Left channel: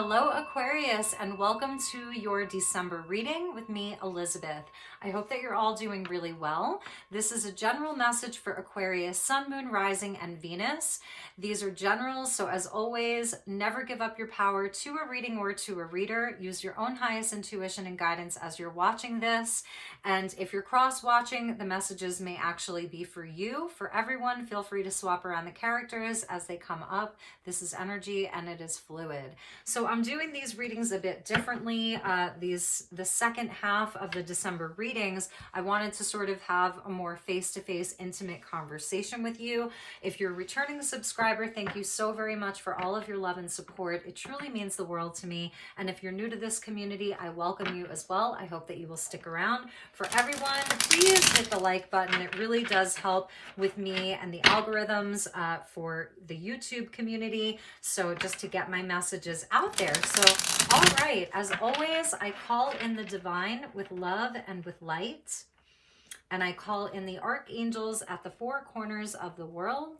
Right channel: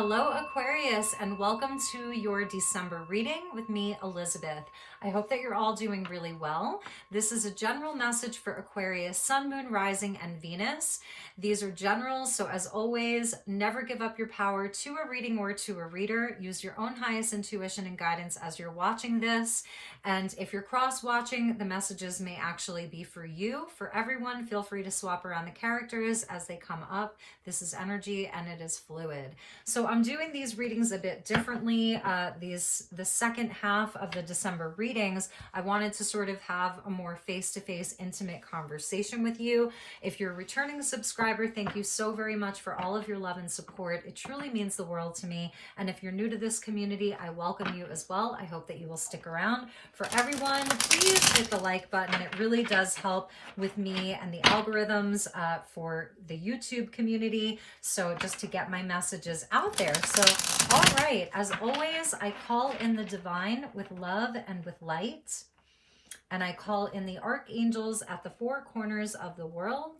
Hello, Aquarius, and welcome to your December reading with me, Elizabeth. I hope that you're all doing really well. This is a general message for Aquarius, Sun, Moon, Rising, and Venus. These are generals, so as always, never give up your power to a reading or to a reader. Use your own highest intuition and guidance as you're watching this. And if you're cross-watching, the messages may actually be for you. For everyone, feel free to swap around the characters as they come up. This is energy and it is fluid. So I'm doing these readings a bit differently. The second half of the December readings, I wanted to sort of have a more face-to-face intimate conversation with you. If you're a returning subscriber, thank you so very much for all of your love and support. It truly means the world to me. And if you're new to this community, I welcome you as well. I hope that you will stick around. For everyone, please hit the like button. It really does help with me and the algorithms for the YouTube community. So just to get my messages out there. So, all right, as always, I call in the divine with love and with light. And I call in the archangels at the four corners of the world.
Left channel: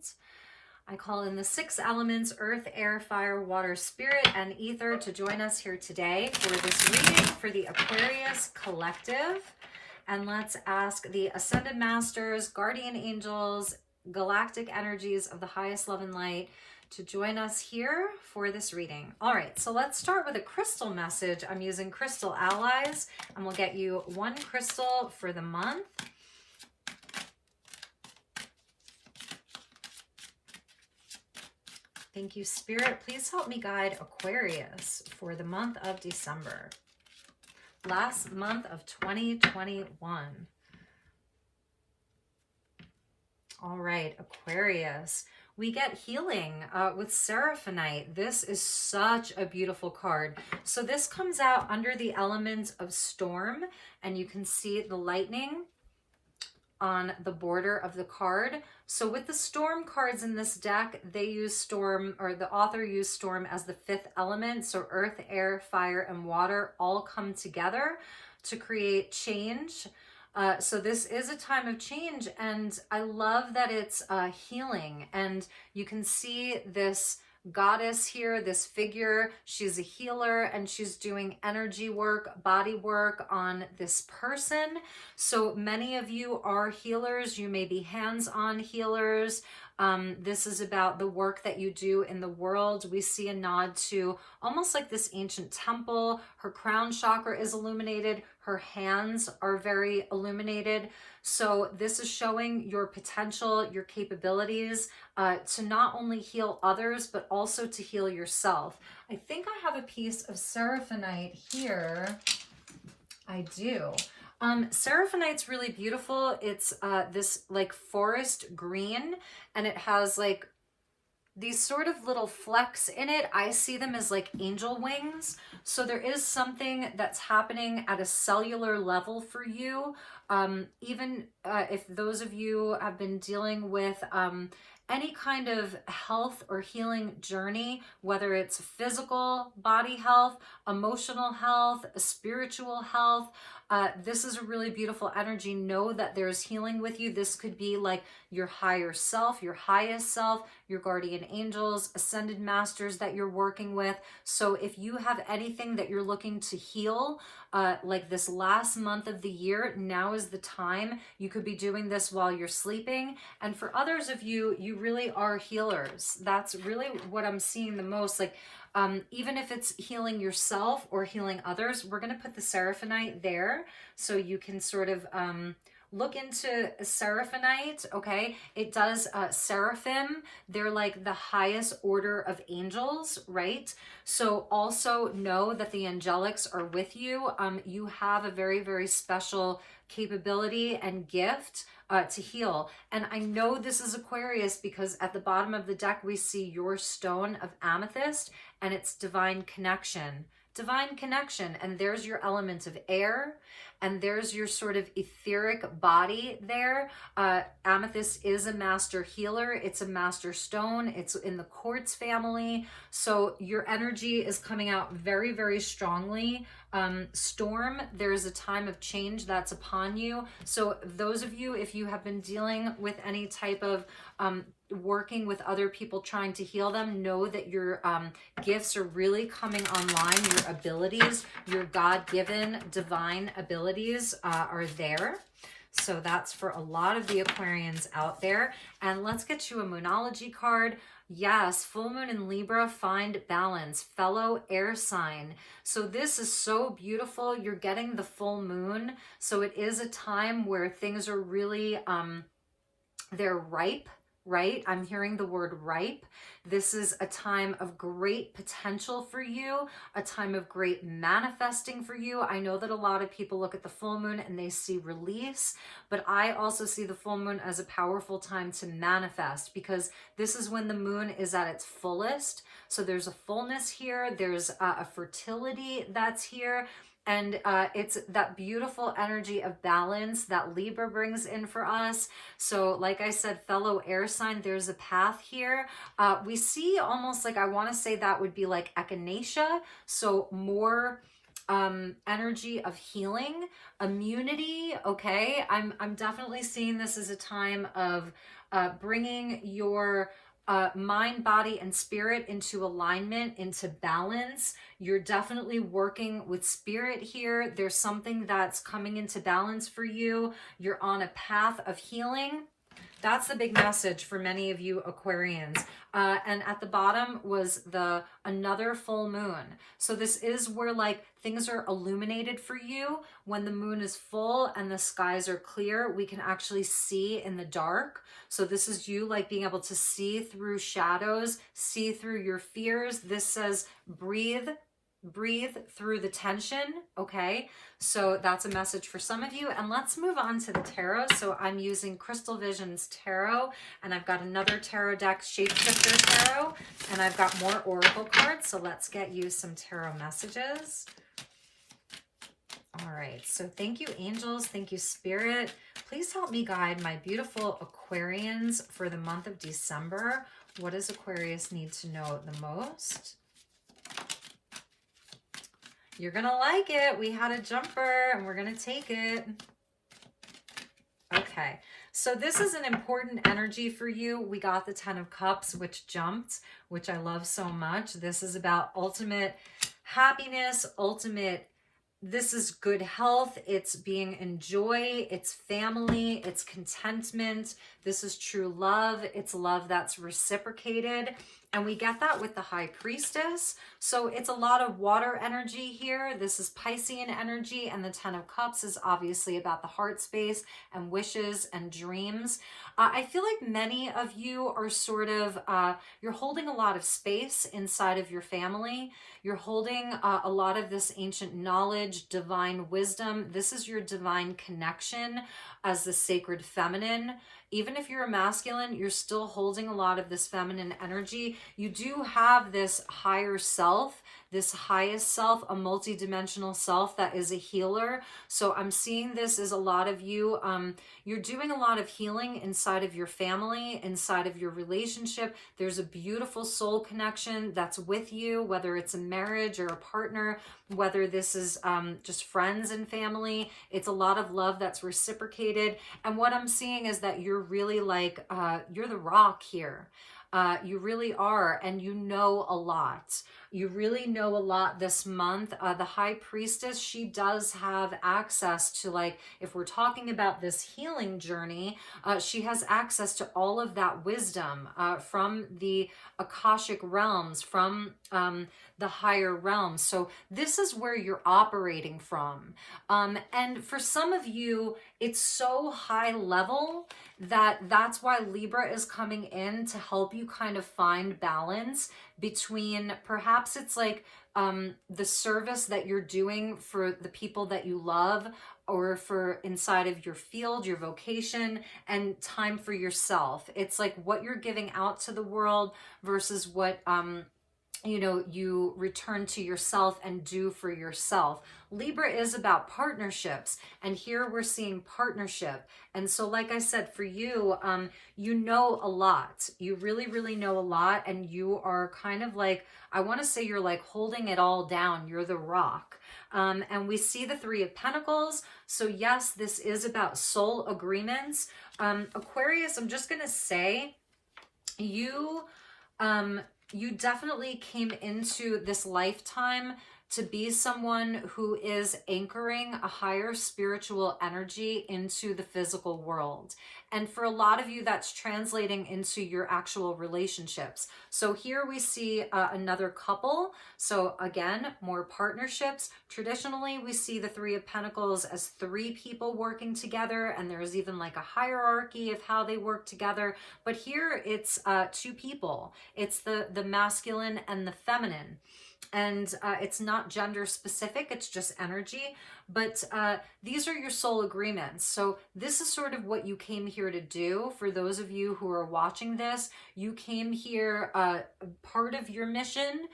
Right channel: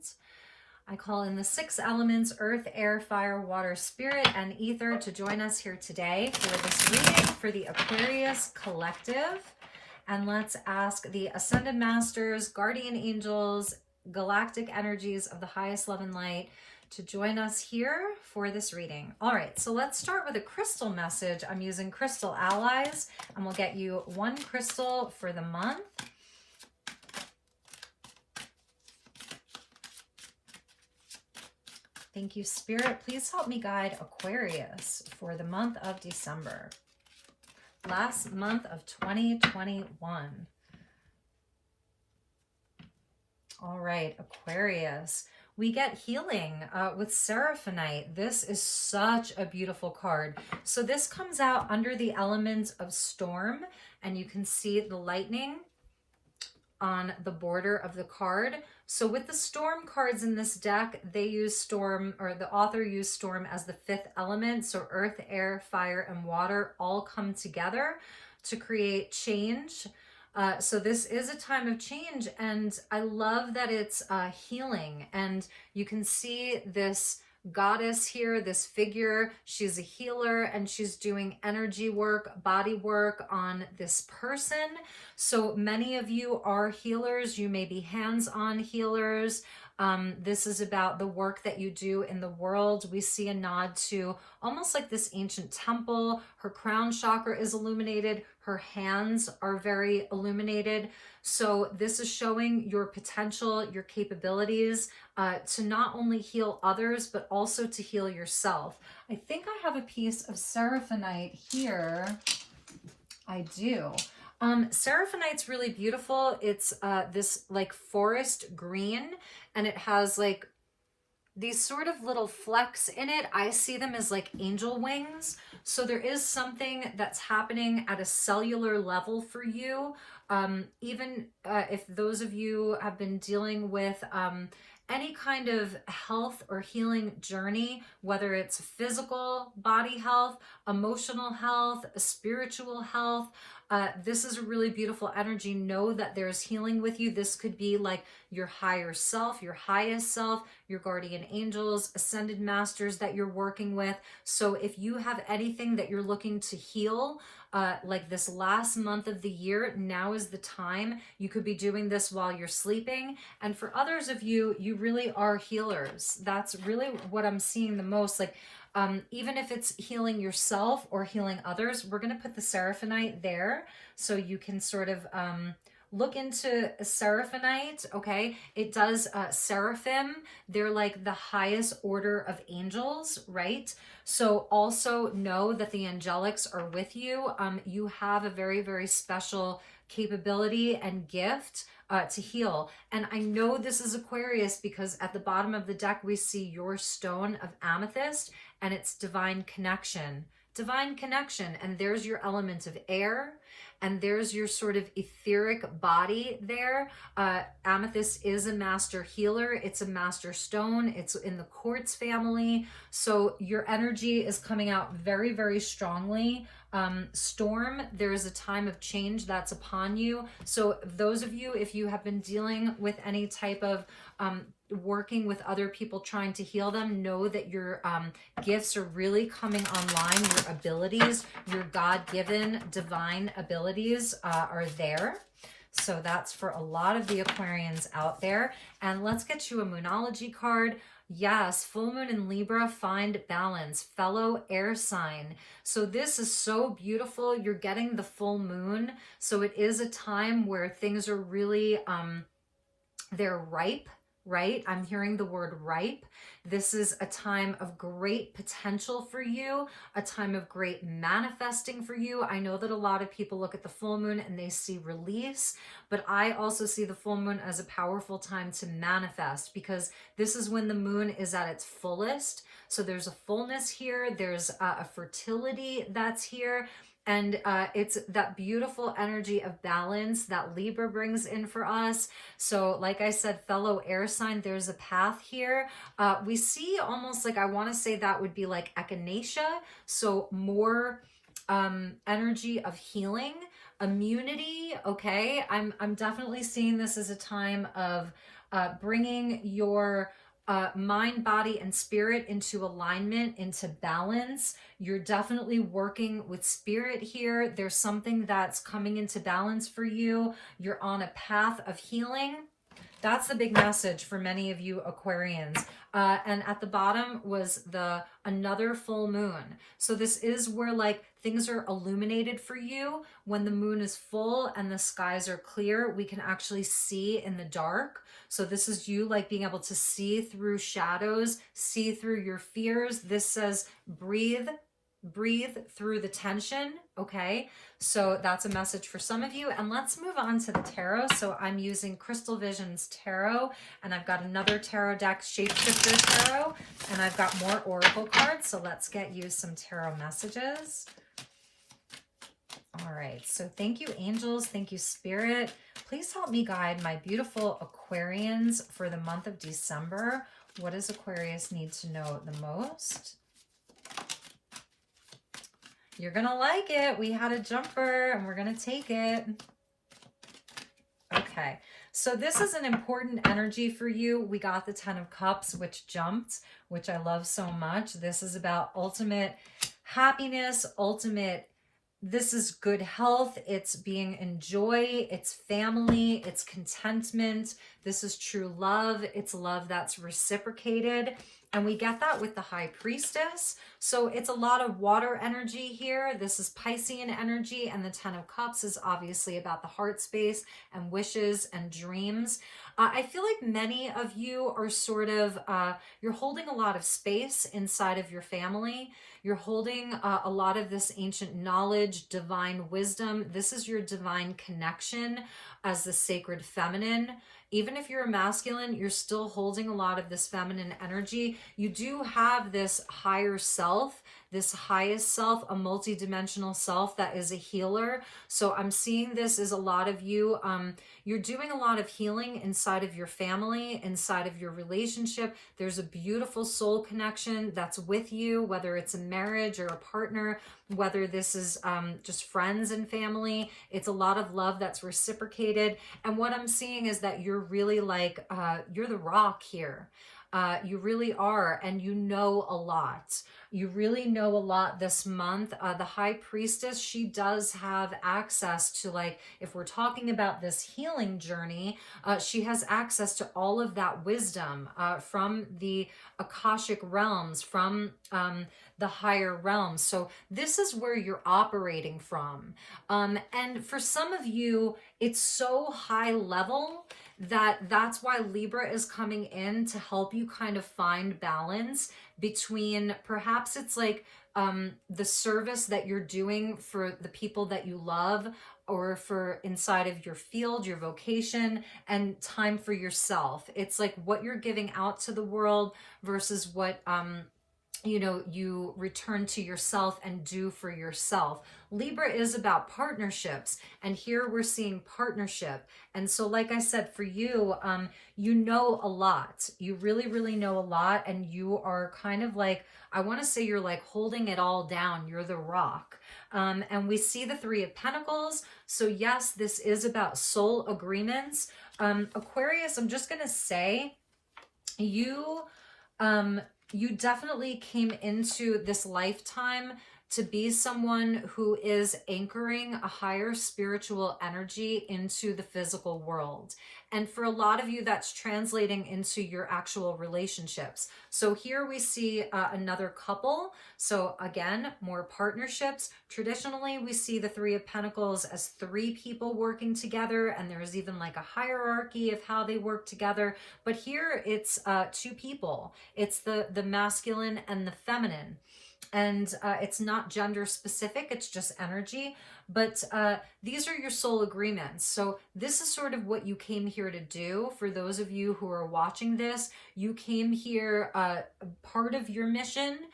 I call in the six elements, earth, air, fire, water, spirit, and ether to join us here today for this reading for the Aquarius Collective. And let's ask the Ascended Masters, Guardian Angels, Galactic Energies of the highest love and light to join us here for this reading. All right, so let's start with a crystal message. I'm using Crystal Allies, and we'll get you one crystal for the month. Thank you, Spirit. Please help me guide Aquarius for the month of December. Last month of 2021. All right, Aquarius. We get healing with Seraphonite. This is such a beautiful card. So this comes out under the element of storm, and you can see the lightning on the border of the card. So with the storm cards in this deck, they use storm, or the author used storm as the fifth element. So earth, air, fire, and water all come together to create change. So this is a time of change, and I love that it's healing. And you can see this goddess here, this figure. She's a healer, and she's doing energy work, body work on this person. So many of you are healers. You may be hands-on healers. This is about the work that you do in the world. We see a nod to almost like this ancient temple. Her crown chakra is illuminated. Her hands are very illuminated. So this is showing your potential, your capabilities to not only heal others, but also to heal yourself. I think I have a piece of Seraphonite here. I do. Seraphonite's really beautiful. It's this like forest green, and it has like these sort of little flecks in it. I see them as like angel wings. So there is something that's happening at a cellular level for you. Even if those of you have been dealing with any kind of health or healing journey, whether it's physical body health, emotional health, spiritual health, this is a really beautiful energy. Know that there's healing with you. This could be like your higher self, your highest self, your guardian angels, ascended masters that you're working with. So if you have anything that you're looking to heal, like this last month of the year, now is the time. You could be doing this while you're sleeping. And for others of you, you really are healers. That's really what I'm seeing the most. Like, even if it's healing yourself or healing others, we're going to put the Seraphonite there so you can sort of look into Seraphonite, okay? It does seraphim. They're like the highest order of angels, right? So also know that the angelics are with you. You have a very, very special capability and gift to heal. And I know this is Aquarius because at the bottom of the deck, we see your stone of amethyst, and it's divine connection. Divine connection. And there's your element of air. And there's your sort of etheric body there. Amethyst is a master healer. It's a master stone. It's in the quartz family. So your energy is coming out very, very strongly Storm, there's a time of change that's upon you. So those of you, if you have been dealing with any type of working with other people trying to heal them, know that your gifts are really coming online. Your abilities, your God-given divine abilities are there. So that's for a lot of the Aquarians out there. And let's get you a Moonology card. Yes, full moon in Libra, find balance, fellow air sign. So this is so beautiful. You're getting the full moon. So it is a time where things are really, they're ripe, right? I'm hearing the word ripe. This is a time of great potential for you, a time of great manifesting for you. I know that a lot of people look at the full moon and they see release, but I also see the full moon as a powerful time to manifest, because this is when the moon is at its fullest. So there's a fullness here. There's a fertility that's here. And it's that beautiful energy of balance that Libra brings in for us. So like I said, fellow air sign, there's a path here. We see almost like, I want to say that would be like echinacea. So more energy of healing, immunity. Okay. I'm definitely seeing this as a time of bringing your mind, body, and spirit into alignment, into balance. You're definitely working with spirit here. There's something that's coming into balance for you. You're on a path of healing. That's the big message for many of you Aquarians. And at the bottom was another full moon. So this is where like things are illuminated for you. When the moon is full and the skies are clear, we can actually see in the dark. So this is you like being able to see through shadows, see through your fears. This says breathe through the tension. Okay. So that's a message for some of you. And let's move on to the tarot. So I'm using Crystal Visions Tarot, and I've got another tarot deck, Shapeshifter Tarot, and I've got more oracle cards. So let's get you some tarot messages. All right. So thank you, angels. Thank you, spirit. Please help me guide my beautiful Aquarians for the month of December. What does Aquarius need to know the most? You're going to like it. We had a jumper and we're going to take it. Okay. So this is an important energy for you. We got the 10 of Cups, which jumped, which I love so much. This is about ultimate happiness, this is good health. It's being in joy. It's family. It's contentment. This is true love. It's love that's reciprocated. And we get that with the High Priestess. So it's a lot of water energy here. This is Piscean energy. And the 10 of Cups is obviously about the heart space and wishes and dreams. I feel like many of you are sort of, you're holding a lot of space inside of your family. You're holding a lot of this ancient knowledge, divine wisdom. This is your divine connection as the sacred feminine. Even if you're a masculine, you're still holding a lot of this feminine energy. You do have this higher self, this highest self, a multidimensional self that is a healer. So I'm seeing this as a lot of you, you're doing a lot of healing inside of your family, inside of your relationship. There's a beautiful soul connection that's with you, whether it's a marriage or a partner, whether this is just friends and family. It's a lot of love that's reciprocated. And what I'm seeing is that you're really like, you're the rock here. You really are, and you know a lot. You really know a lot this month. The High Priestess, she does have access to, like, if we're talking about this healing journey, she has access to all of that wisdom from the Akashic realms, from the higher realms. So this is where you're operating from. And for some of you, it's so high level that's why Libra is coming in to help you kind of find balance between, perhaps it's like the service that you're doing for the people that you love, or for inside of your field, your vocation, and time for yourself. It's like what you're giving out to the world versus what you know, you return to yourself and do for yourself. Libra is about partnerships, and here we're seeing partnership. And so, like I said, for you, you know a lot. You really, really know a lot, and you are kind of like, I want to say you're like holding it all down. You're the rock. And we see the Three of Pentacles. So yes, this is about soul agreements. Aquarius, I'm just going to say, you definitely came into this lifetime to be someone who is anchoring a higher spiritual energy into the physical world. And for a lot of you, that's translating into your actual relationships. So here we see another couple. So again, more partnerships. Traditionally, we see the Three of Pentacles as three people working together, and there's even like a hierarchy of how they work together. But here it's two people. It's the masculine and the feminine. And it's not gender specific, it's just energy. But these are your soul agreements. So this is sort of what you came here to do. For those of you who are watching this, you came here, part of your mission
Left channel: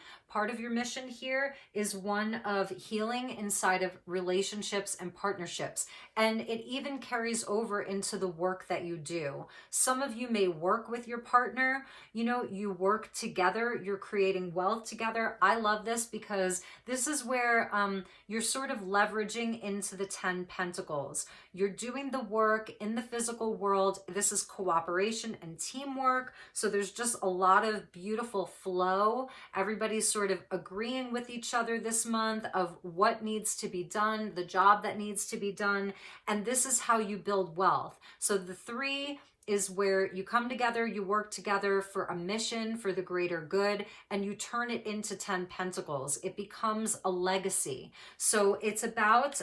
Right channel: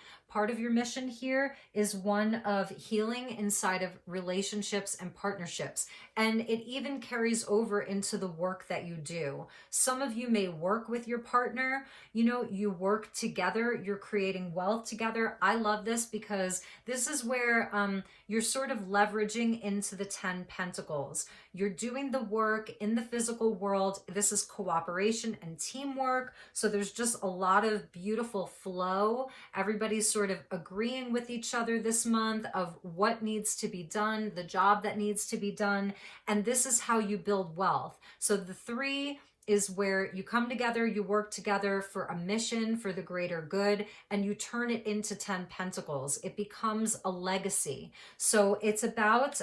here is one of healing inside of relationships and partnerships. And it even carries over into the work that you do. Some of you may work with your partner, you know, you work together, you're creating wealth together. I love this because this is where you're sort of leveraging into the 10 Pentacles. You're doing the work in the physical world. This is cooperation and teamwork. So there's just a lot of beautiful flow. Everybody's sort of agreeing with each other this month of what needs to be done, the job that needs to be done. And this is how you build wealth. So the 3 is where you come together, you work together for a mission, for the greater good, and you turn it into 10 Pentacles. It becomes a legacy. So it's about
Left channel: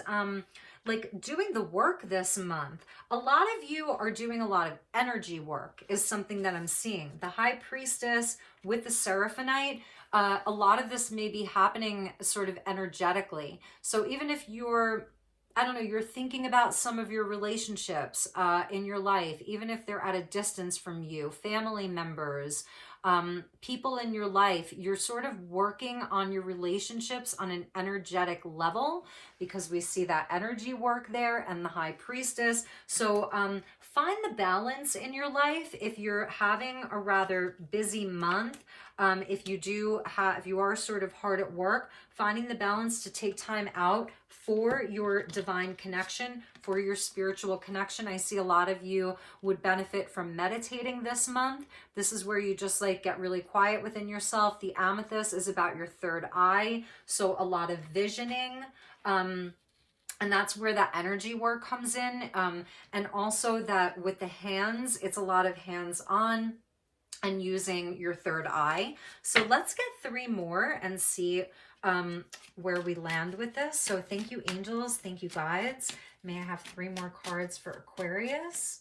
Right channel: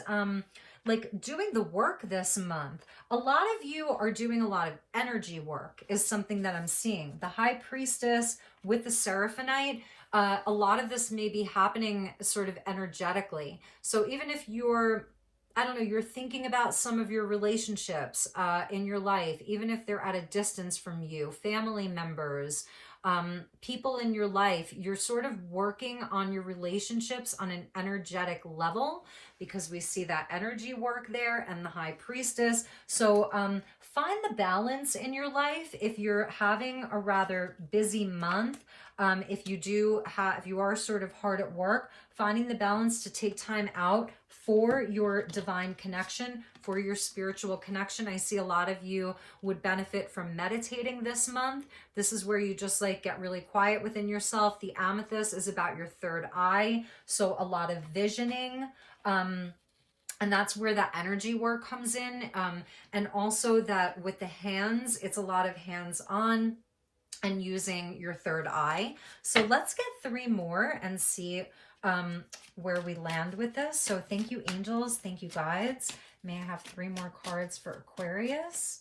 like doing the work this month. A lot of you are doing a lot of energy work is something that I'm seeing. The High Priestess with the Seraphonite, a lot of this may be happening sort of energetically. So even if you're, I don't know, you're thinking about some of your relationships in your life, even if they're at a distance from you, family members, people in your life, you're sort of working on your relationships on an energetic level because we see that energy work there and the High Priestess. So find the balance in your life if you're having a rather busy month. If you are sort of hard at work, finding the balance to take time out for your divine connection, for your spiritual connection. I see a lot of you would benefit from meditating this month. This is where you just like get really quiet within yourself. The amethyst is about your third eye. So a lot of visioning. And that's where that energy work comes in. And also that with the hands, it's a lot of hands-on and using your third eye. So let's get 3 more and see where we land with this. So thank you, angels. Thank you, guides. May I have 3 more cards for Aquarius?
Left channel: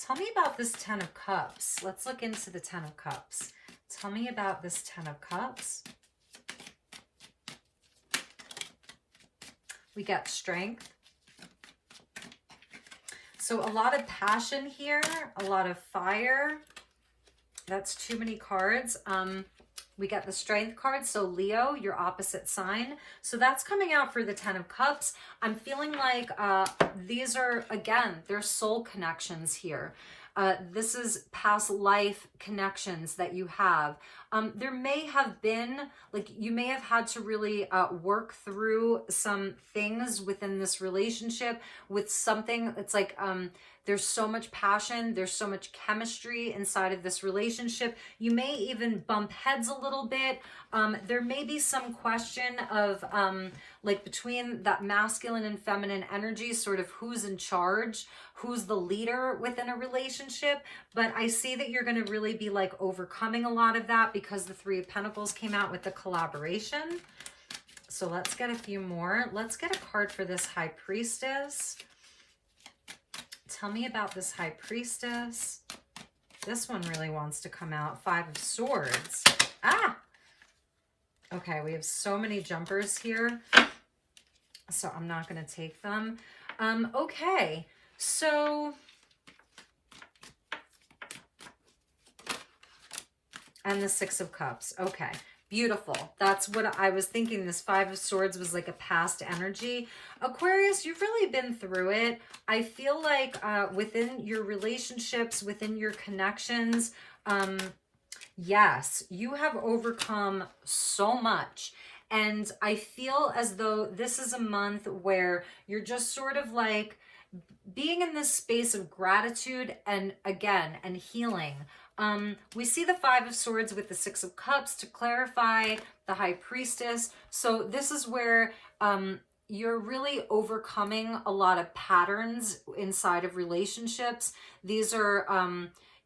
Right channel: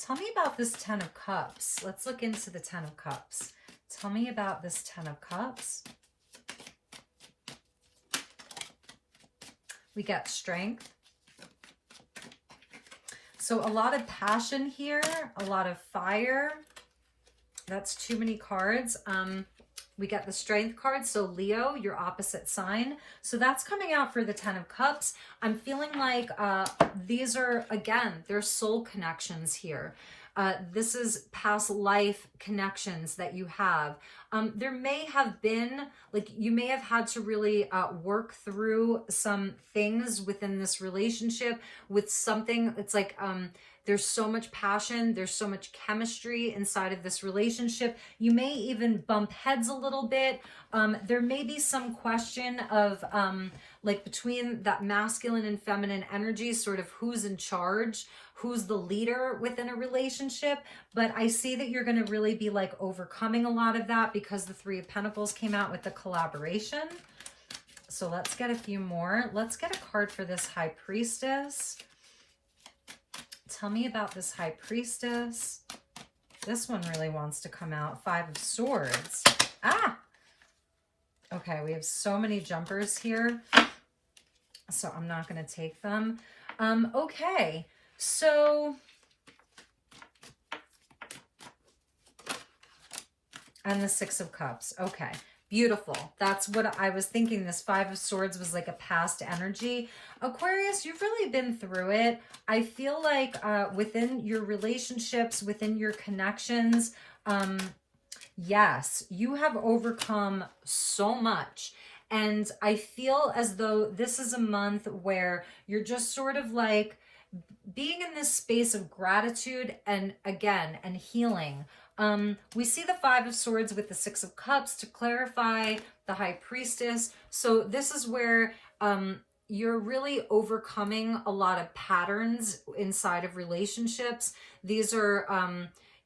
Tell me about this 10 of Cups. Let's look into the 10 of Cups. Tell me about this 10 of Cups. We got strength. So a lot of passion here, a lot of fire. That's too many cards. We got the strength card. So Leo, your opposite sign. So that's coming out for the 10 of Cups. I'm feeling like these are, again, they're soul connections here. This is past life connections that you have. There may have been, like, you may have had to really work through some things within this relationship with something. It's like, there's so much passion. There's so much chemistry inside of this relationship. You may even bump heads a little bit. There may be some question of like between that masculine and feminine energy, sort of who's in charge, who's the leader within a relationship. But I see that you're going to really be like overcoming a lot of that because the 3 of Pentacles came out with the collaboration. So let's get a few more. Let's get a card for this High Priestess. Tell me about this High Priestess. This one really wants to come out. 5 of Swords. Ah! Okay, we have so many jumpers here, so I'm not going to take them. Okay, so... And the 6 of Cups. Okay, beautiful. That's what I was thinking. This 5 of Swords was like a past energy. Aquarius, you've really been through it. I feel like within your relationships, within your connections, Yes, you have overcome so much. And I feel as though this is a month where you're just sort of like being in this space of gratitude and again, and healing. We see the Five of Swords with the Six of Cups to clarify the High Priestess. So this is where you're really overcoming a lot of patterns inside of relationships. These are,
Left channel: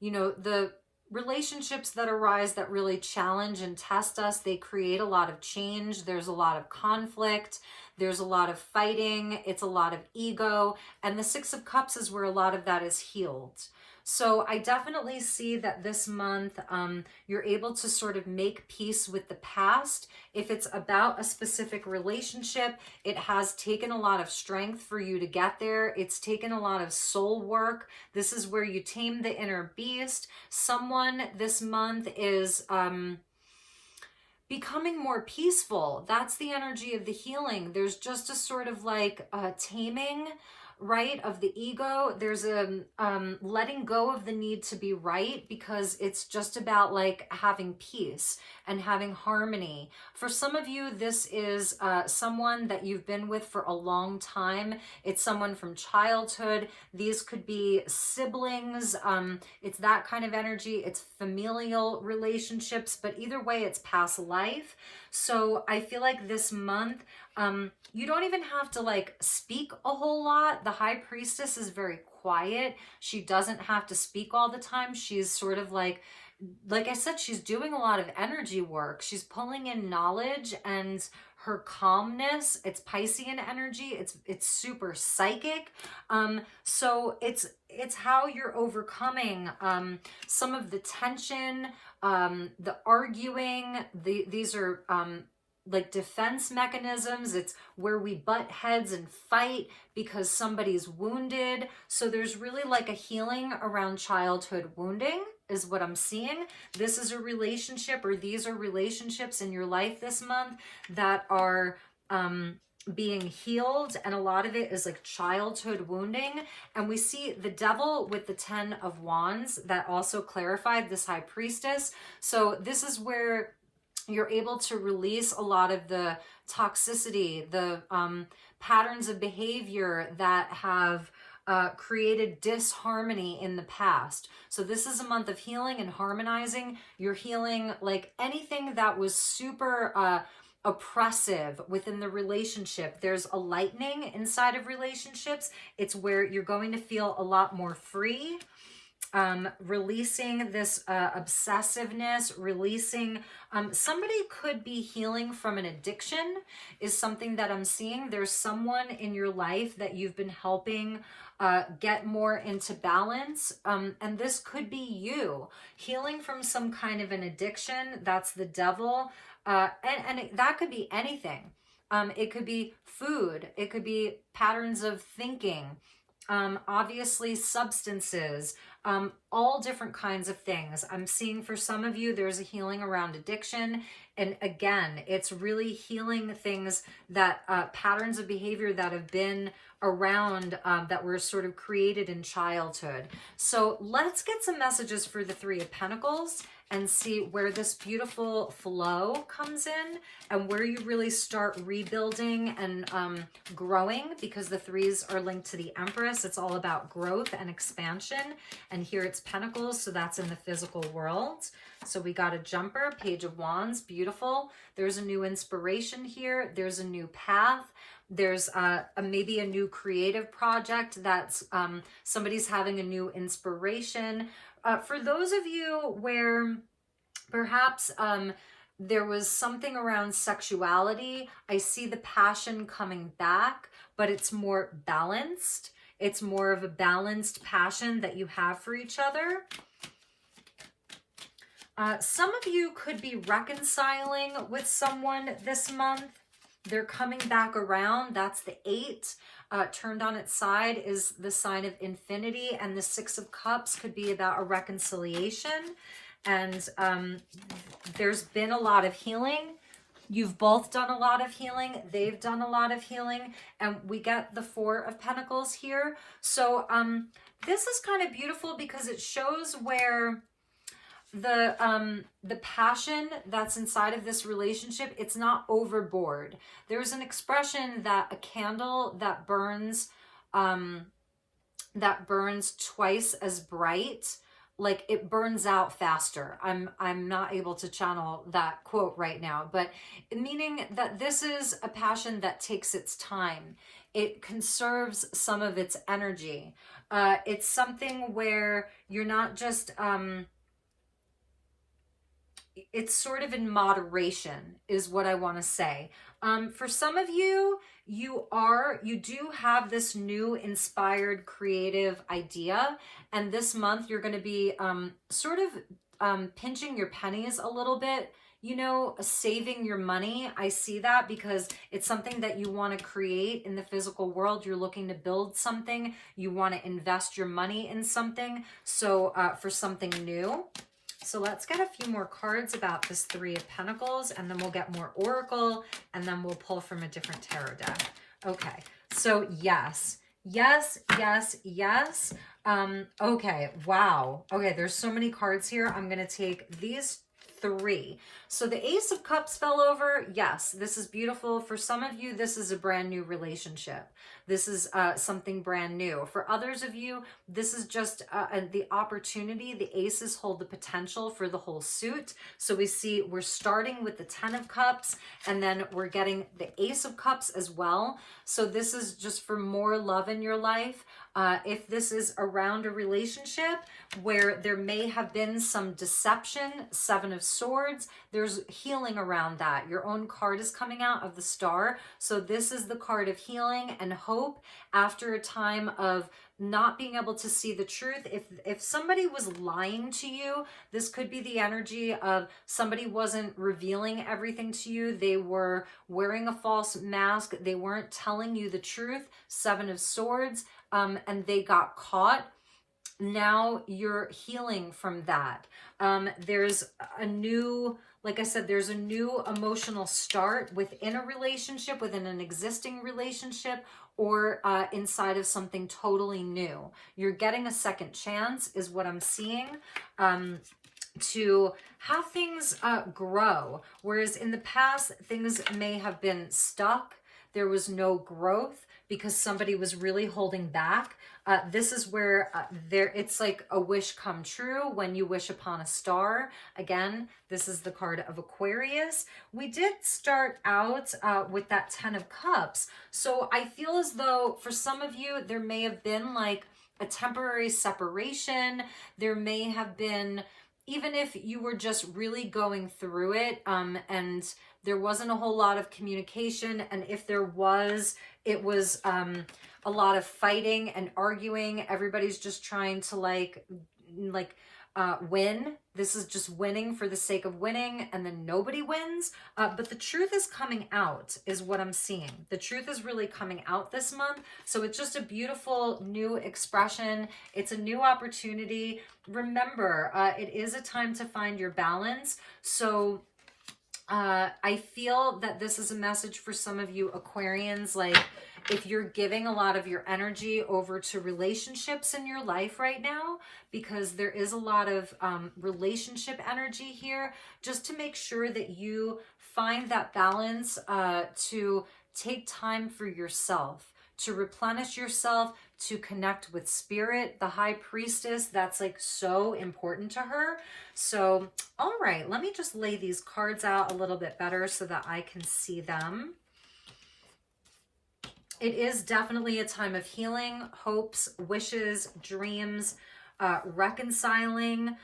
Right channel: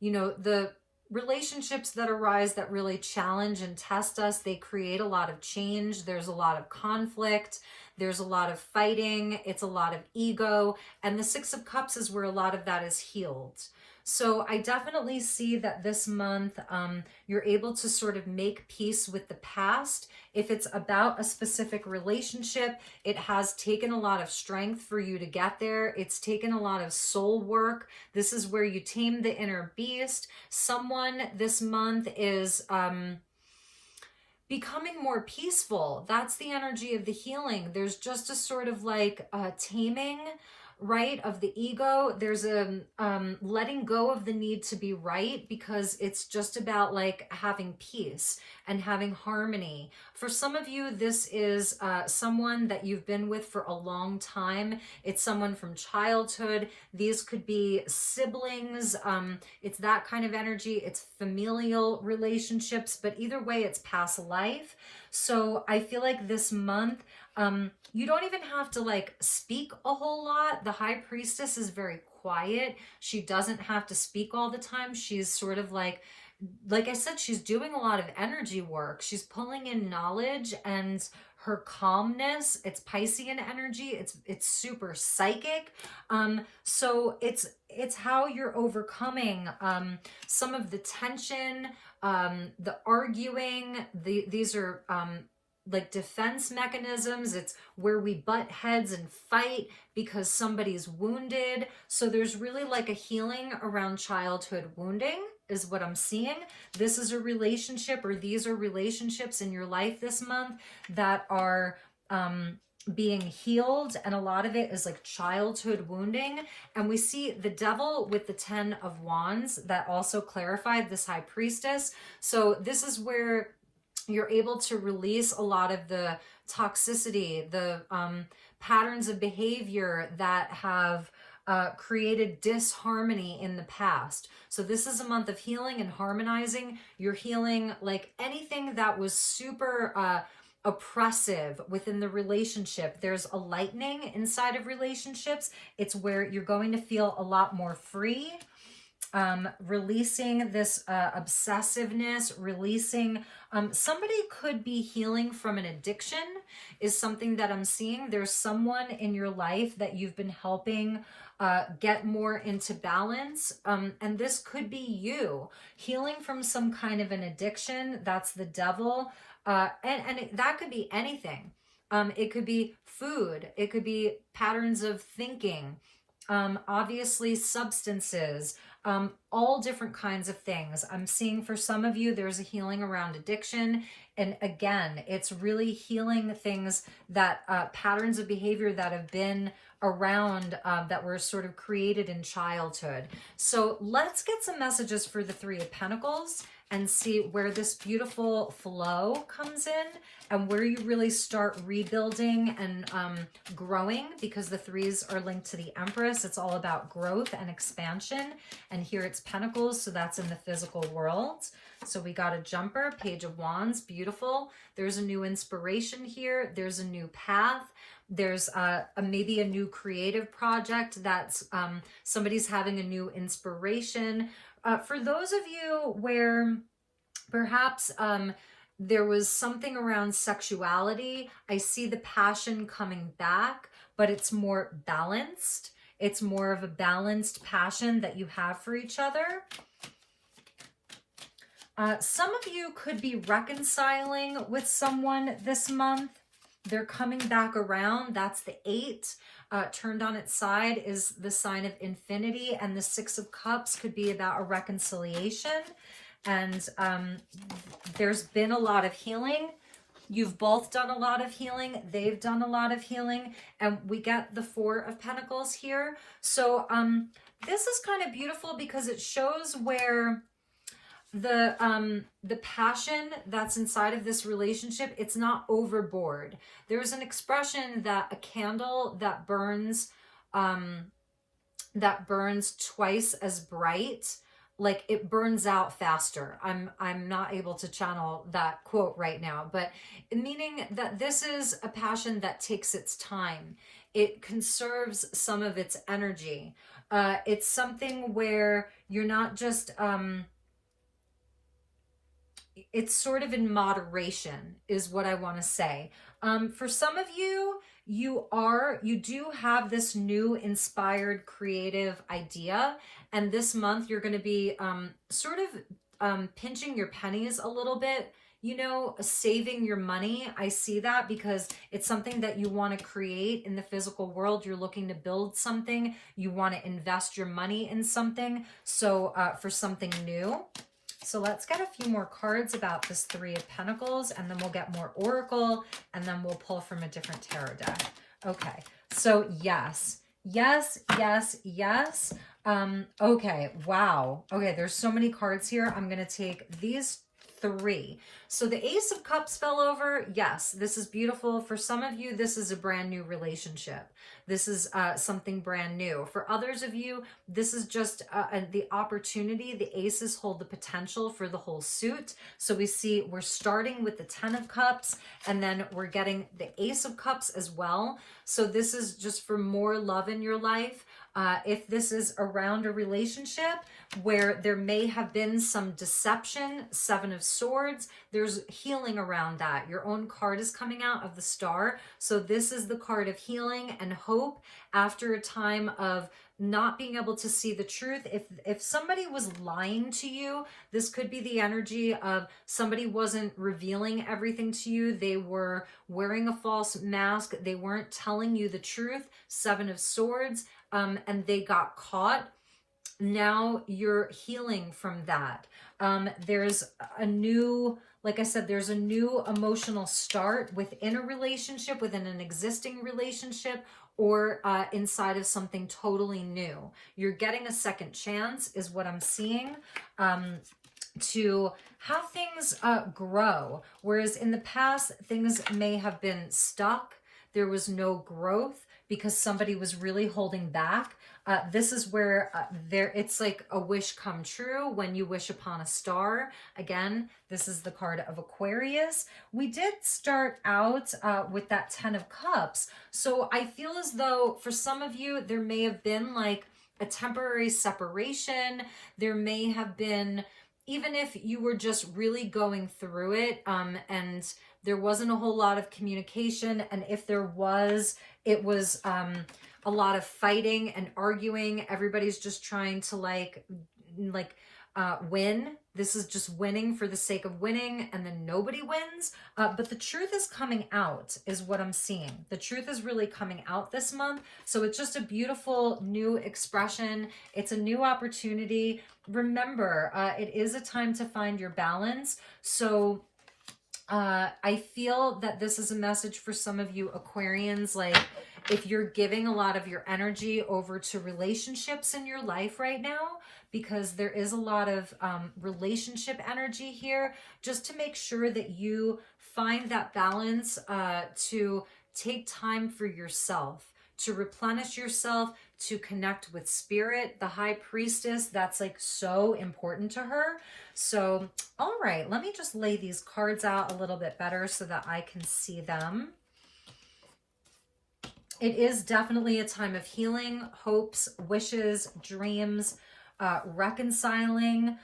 the relationships that arise that really challenge and test us. They create a lot of change. There's a lot of conflict. There's a lot of fighting. It's a lot of ego. And the Six of Cups is where a lot of that is healed. So I definitely see that this month you're able to sort of make peace with the past. If it's about a specific relationship, it has taken a lot of strength for you to get there. It's taken a lot of soul work. This is where you tame the inner beast. Someone this month is becoming more peaceful. That's the energy of the healing. There's just a sort of like taming, right, of the ego. There's a letting go of the need to be right, because it's just about like having peace and having harmony. For some of you, this is someone that you've been with for a long time. It's someone from childhood. These could be siblings. It's that kind of energy. It's familial relationships, but either way, it's past life. So I feel like this month, you don't even have to like speak a whole lot. The High Priestess is very quiet. She doesn't have to speak all the time. She's sort of like I said, she's doing a lot of energy work. She's pulling in knowledge and her calmness. It's Piscean energy. It's super psychic. So it's how you're overcoming some of the tension, the arguing. These are like defense mechanisms. It's where we butt heads and fight because somebody's wounded. So there's really like a healing around childhood wounding is what I'm seeing. This is a relationship, or these are relationships in your life this month that are being healed, and a lot of it is like childhood wounding. And we see the Devil with the 10 of Wands that also clarified this High Priestess. So this is where you're able to release a lot of the toxicity, the patterns of behavior that have created disharmony in the past. So this is a month of healing and harmonizing. You're healing like anything that was super oppressive within the relationship. There's a lightening inside of relationships. It's where you're going to feel a lot more free. Releasing this obsessiveness, releasing, somebody could be healing from an addiction is something that I'm seeing. There's someone in your life that you've been helping get more into balance. And this could be you healing from some kind of an addiction. That's the Devil. And that could be anything. It could be food. It could be patterns of thinking. Obviously substances, all different kinds of things. I'm seeing for some of you, there's a healing around addiction. And again, it's really healing things that, patterns of behavior that have been around, that were sort of created in childhood. So let's get some messages for the Three of Pentacles and see where this beautiful flow comes in and where you really start rebuilding and growing, because the threes are linked to the Empress. It's all about growth and expansion. And here it's Pentacles, so that's in the physical world. So we got a jumper, Page of Wands, beautiful. There's a new inspiration here. There's a new path. There's maybe a new creative project that's somebody's having a new inspiration. For those of you where perhaps there was something around sexuality, I see the passion coming back, but it's more balanced. It's more of a balanced passion that you have for each other. Some of you could be reconciling with someone this month. They're coming back around. That's the 8. Turned on its side is the sign of infinity, and the 6 of Cups could be about a reconciliation. And there's been a lot of healing. You've both done a lot of healing. They've done a lot of healing. And we get the 4 of Pentacles here. So this is kind of beautiful because it shows where the passion that's inside of this relationship, it's not overboard. There's an expression that a candle that burns twice as bright, like it burns out faster. I'm not able to channel that quote right now, but meaning that this is a passion that takes its time. It conserves some of its energy. It's something where you're not just it's sort of in moderation is what I want to say. For some of you, you do have this new inspired creative idea, and this month you're going to be sort of pinching your pennies a little bit, you know, saving your money. I see that because it's something that you want to create in the physical world. You're looking to build something. You want to invest your money in something. So for something new. So let's get a few more cards about this Three of Pentacles, and then we'll get more Oracle, and then we'll pull from a different tarot deck. Okay, so yes. Okay, wow. Okay, there's so many cards here. I'm going to take these three. So the Ace of Cups fell over. Yes, this is beautiful. For some of you, this is a brand new relationship. This is something brand new. For others of you, this is just the opportunity. The aces hold the potential for the whole suit. So we see we're starting with the Ten of Cups, and then we're getting the Ace of Cups as well. So this is just for more love in your life. If this is around a relationship where there may have been some deception, Seven of Swords, there's healing around that. Your own card is coming out of the Star. So this is the card of healing and hope after a time of not being able to see the truth. If somebody was lying to you, this could be the energy of somebody wasn't revealing everything to you. They were wearing a false mask. They weren't telling you the truth. Seven of Swords, and they got caught. Now you're healing from that. There's a new, like I said, there's a new emotional start within a relationship, within an existing relationship, or inside of something totally new. You're getting a second chance is what I'm seeing, to have things grow. Whereas in the past, things may have been stuck. There was no growth because somebody was really holding back. This is where it's like a wish come true when you wish upon a star. Again, this is the card of Aquarius. We did start out with that Ten of Cups. So I feel as though for some of you, there may have been like a temporary separation. There may have been, even if you were just really going through it, and there wasn't a whole lot of communication. And if there was, it was a lot of fighting and arguing. Everybody's just trying to win. This is just winning for the sake of winning, and then nobody wins. But the truth is coming out is what I'm seeing. The truth is really coming out this month. So it's just a beautiful new expression. It's a new opportunity. Remember, it is a time to find your balance. So I feel that this is a message for some of you Aquarians, like if you're giving a lot of your energy over to relationships in your life right now, because there is a lot of relationship energy here, just to make sure that you find that balance, to take time for yourself, to replenish yourself, to connect with spirit, the high priestess, that's like so important to her. So, all right, let me just lay these cards out a little bit better so that I can see them. It is definitely a time of healing, hopes, wishes, dreams, reconciling.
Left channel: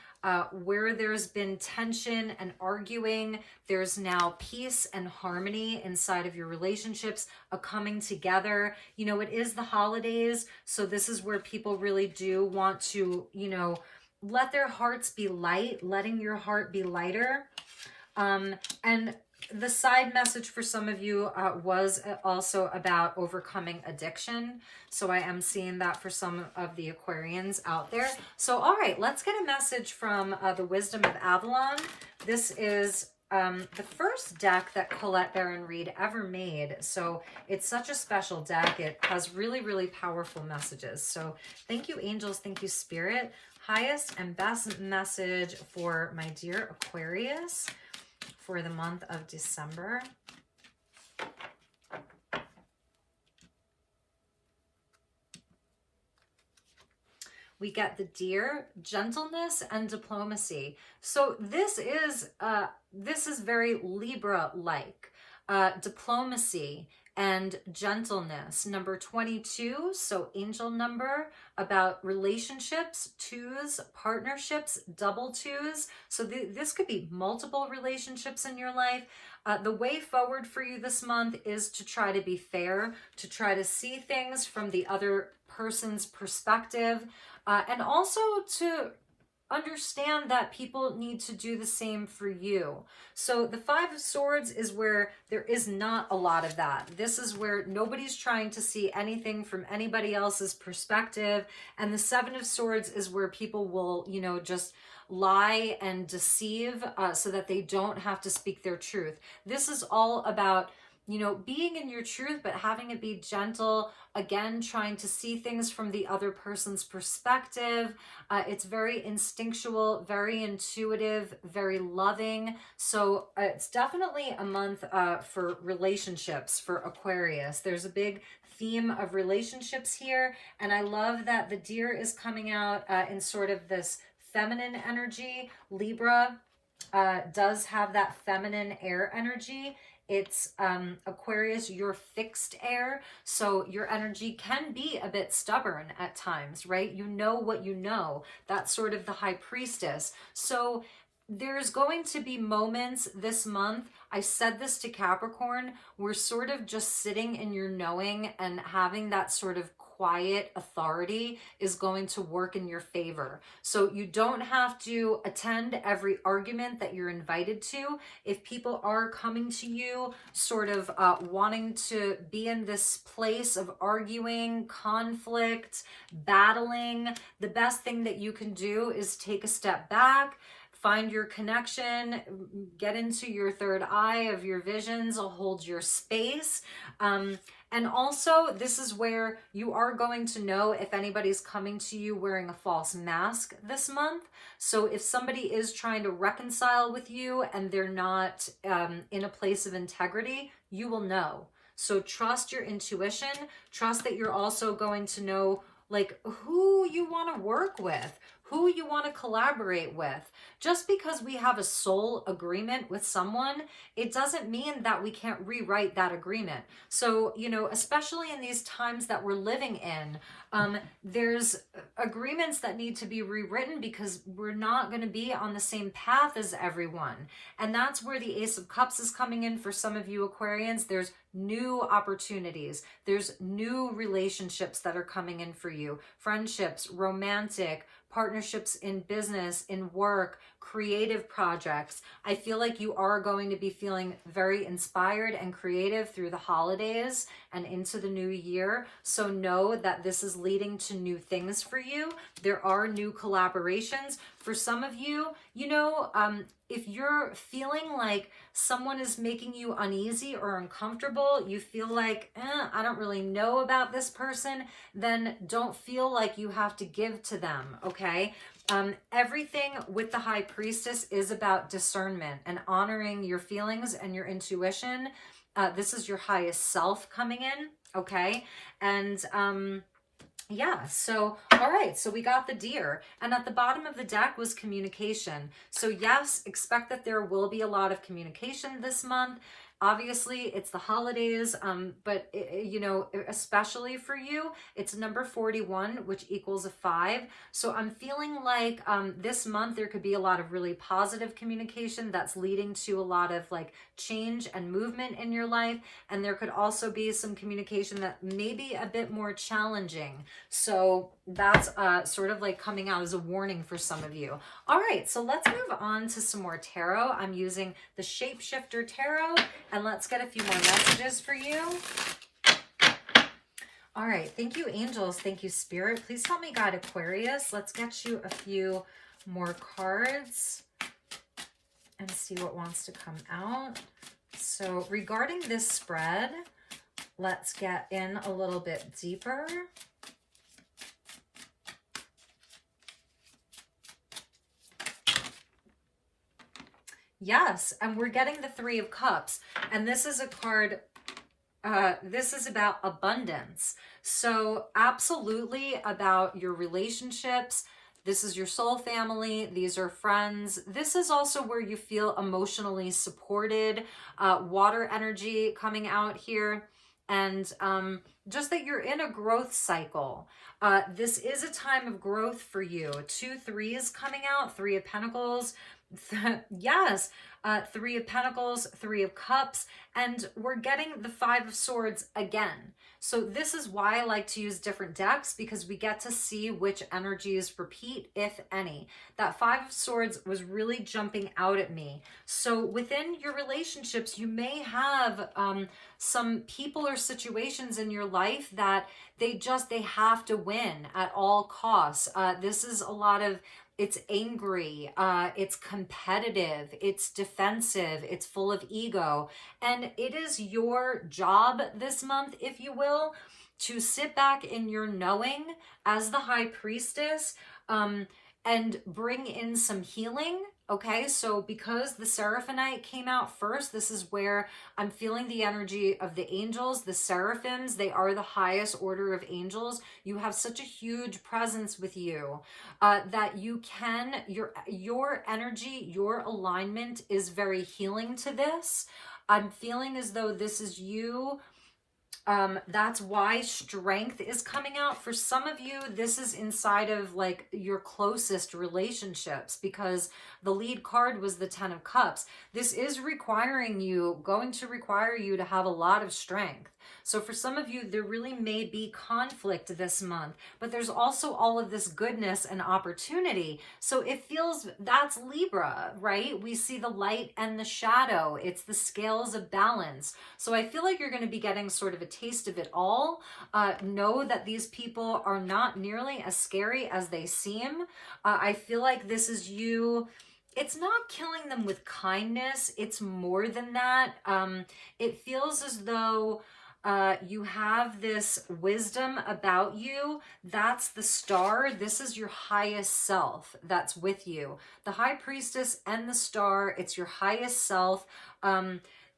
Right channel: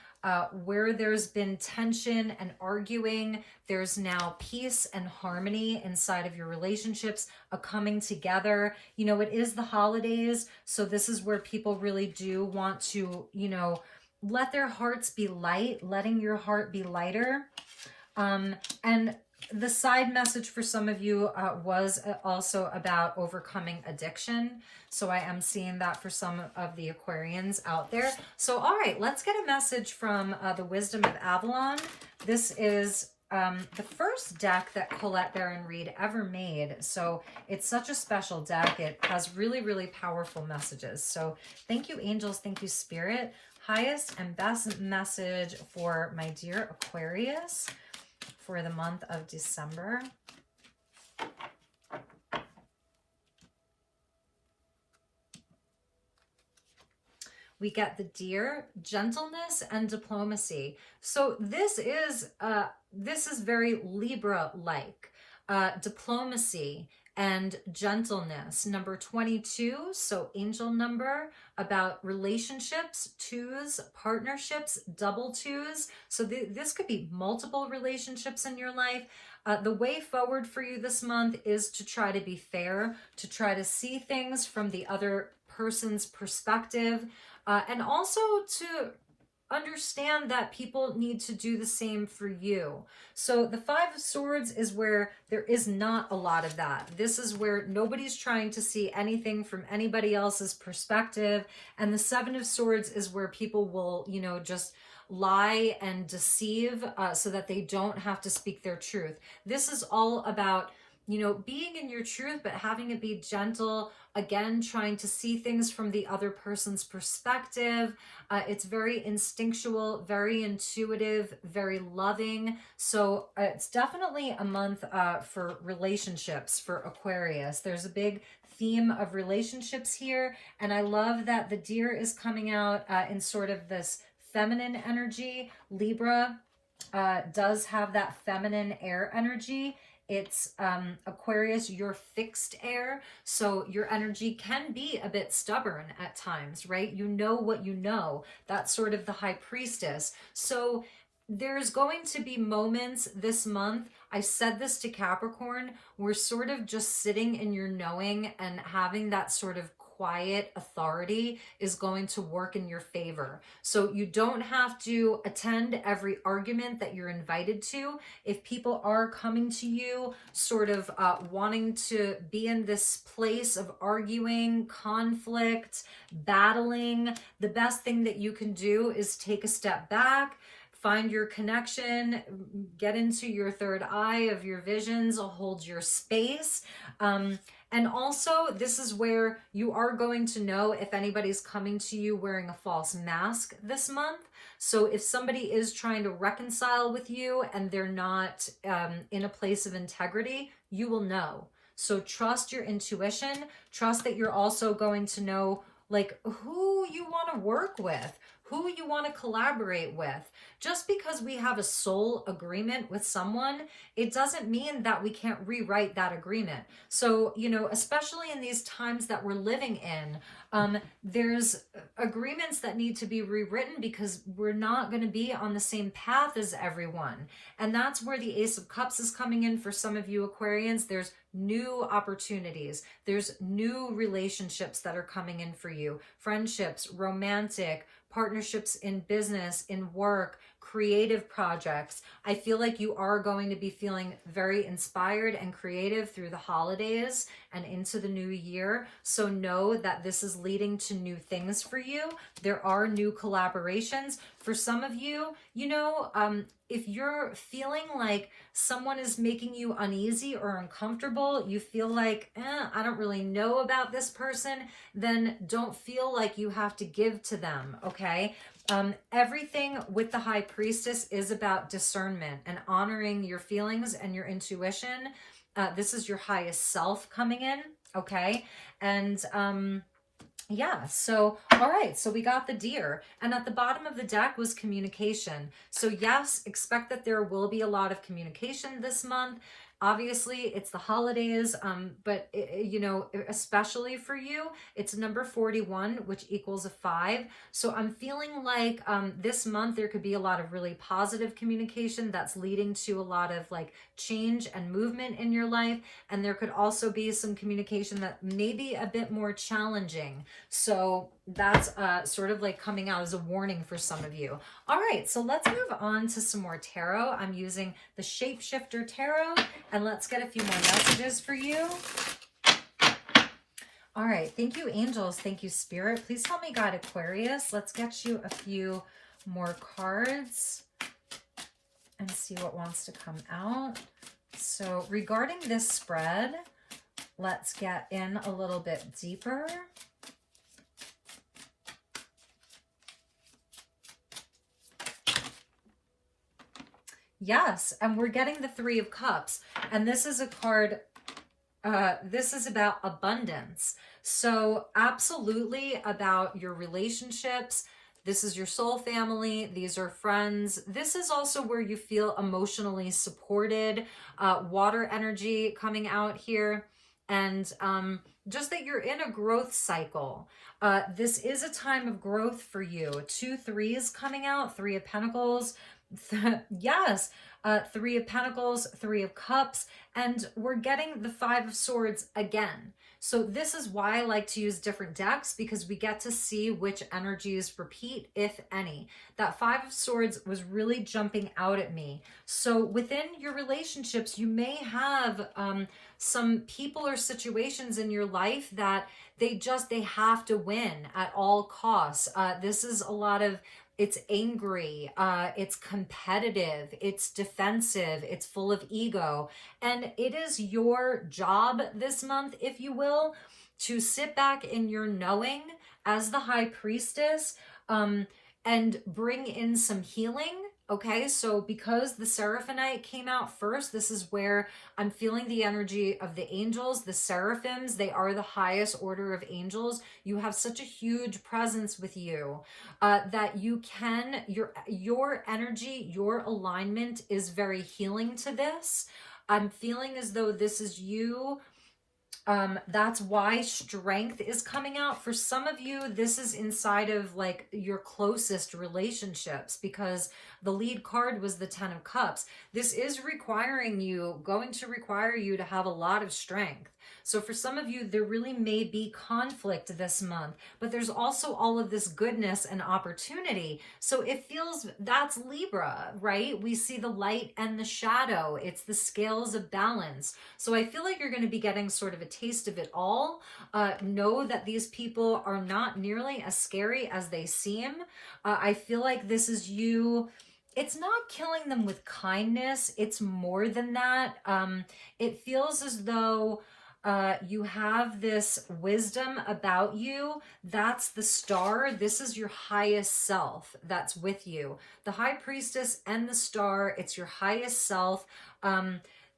Where there's been tension and arguing, there's now peace and harmony inside of your relationships, a coming together. You know, it is the holidays, so this is where people really do want to, you know, let their hearts be light, letting your heart be lighter. And the side message for some of you was also about overcoming addiction. So I am seeing that for some of the Aquarians out there. So, all right, let's get a message from the Wisdom of Avalon. This is the first deck that Colette Baron Reed ever made. So it's such a special deck. It has really, really powerful messages. So thank you, angels. Thank you, spirit. highest and best message for my dear Aquarius for the month of December. We get the Deer, gentleness and diplomacy. So this is very Libra-like. Diplomacy and gentleness. Number 22, so angel number, about relationships, twos, partnerships, double twos. So this could be multiple relationships in your life. The way forward for you this month is to try to be fair, to try to see things from the other person's perspective, and also to understand that people need to do the same for you. So the Five of Swords is where there is not a lot of that. This is where nobody's trying to see anything from anybody else's perspective. And the Seven of Swords is where people will, you know, just lie and deceive so that they don't have to speak their truth. This is all about, you know, being in your truth, but having it be gentle. Again, trying to see things from the other person's perspective. It's very instinctual, very intuitive, very loving. So it's definitely a month for relationships for Aquarius. There's a big theme of relationships here. And I love that the Deer is coming out in sort of this feminine energy. Libra does have that feminine air energy. It's Aquarius, you're fixed air, so your energy can be a bit stubborn at times, right? You know what you know. That's sort of the High Priestess. So there's going to be moments this month, I said this to Capricorn, we're sort of just sitting in your knowing, and having that sort of quiet authority is going to work in your favor. So you don't have to attend every argument that you're invited to. If people are coming to you sort of wanting to be in this place of arguing, conflict, battling, the best thing that you can do is take a step back, find your connection, get into your third eye of your visions, hold your space. And also, this is where you are going to know if anybody's coming to you wearing a false mask this month. So if somebody is trying to reconcile with you and they're not in a place of integrity, you will know. So trust your intuition. Trust that you're also going to know like who you want to work with, who you want to collaborate with. Just because we have a soul agreement with someone, it doesn't mean that we can't rewrite that agreement. So, you know, especially in these times that we're living in, there's agreements that need to be rewritten because we're not going to be on the same path as everyone. And that's where the Ace of Cups is coming in for some of you Aquarians. There's new opportunities. There's new relationships that are coming in for you. Friendships, romantic, partnerships in business, in work, creative projects. I feel like you are going to be feeling very inspired and creative through the holidays and into the new year. So know that this is leading to new things for you. There are new collaborations. For some of you, you know, if you're feeling like someone is making you uneasy or uncomfortable, you feel like, I don't really know about this person, then don't feel like you have to give to them, okay? Everything with the High Priestess is about discernment and honoring your feelings and your intuition. This is your highest self coming in, okay? And yeah, so, all right, so we got the Deer. And at the bottom of the deck was communication. So yes, expect that there will be a lot of communication this month. Obviously, it's the holidays, but, you know, especially for you, it's number 41, which equals a 5. So I'm feeling like this month there could be a lot of really positive communication that's leading to a lot of like change and movement in your life. And there could also be some communication that may be a bit more challenging. So that's sort of like coming out as a warning for some of you. All right, so let's move on to some more tarot. I'm using the Shapeshifter Tarot, and let's get a few more messages for you. All right, thank you, angels. Thank you, Spirit. Please help me guide Aquarius. Let's get you a few more cards and see what wants to come out. So regarding this spread, let's get in a little bit deeper. Yes, and we're getting the Three of Cups. And this is a card, this is about abundance. So absolutely about your relationships. This is your soul family. These are friends. This is also where you feel emotionally supported. Water energy coming out here. And just that you're in a growth cycle. This is a time of growth for you. 2 threes coming out, Three of Pentacles. Yes, Three of Pentacles, Three of Cups, and we're getting the Five of Swords again. So this is why I like to use different decks, because we get to see which energies repeat, if any. That Five of Swords was really jumping out at me. So within your relationships, you may have some people or situations in your life that they have to win at all costs. This is a lot of, it's angry, it's competitive, it's defensive, it's full of ego. And it is your job this month, if you will, to sit back in your knowing as the High Priestess, and bring in some healing. Okay, so because the Seraphonite came out first, this is where I'm feeling the energy of the angels, the seraphims. They are the highest order of angels. You have such a huge presence with you that you can, your energy, your alignment is very healing to this. I'm feeling as though this is you. That's why strength is coming out. For some of you, this is inside of like your closest relationships, because the lead card was the Ten of Cups. This is going to require you to have a lot of strength. So for some of you, there really may be conflict this month, but there's also all of this goodness and opportunity. So it feels, that's Libra, right? We see the light and the shadow. It's the scales of balance. So I feel like you're going to be getting sort of a taste of it all. Know that these people are not nearly as scary as they seem. I feel like this is you. It's not killing them with kindness. It's more than that. It feels as though you have this wisdom about you. That's the star. This is your highest self that's with you. The High Priestess and the star, it's your highest self.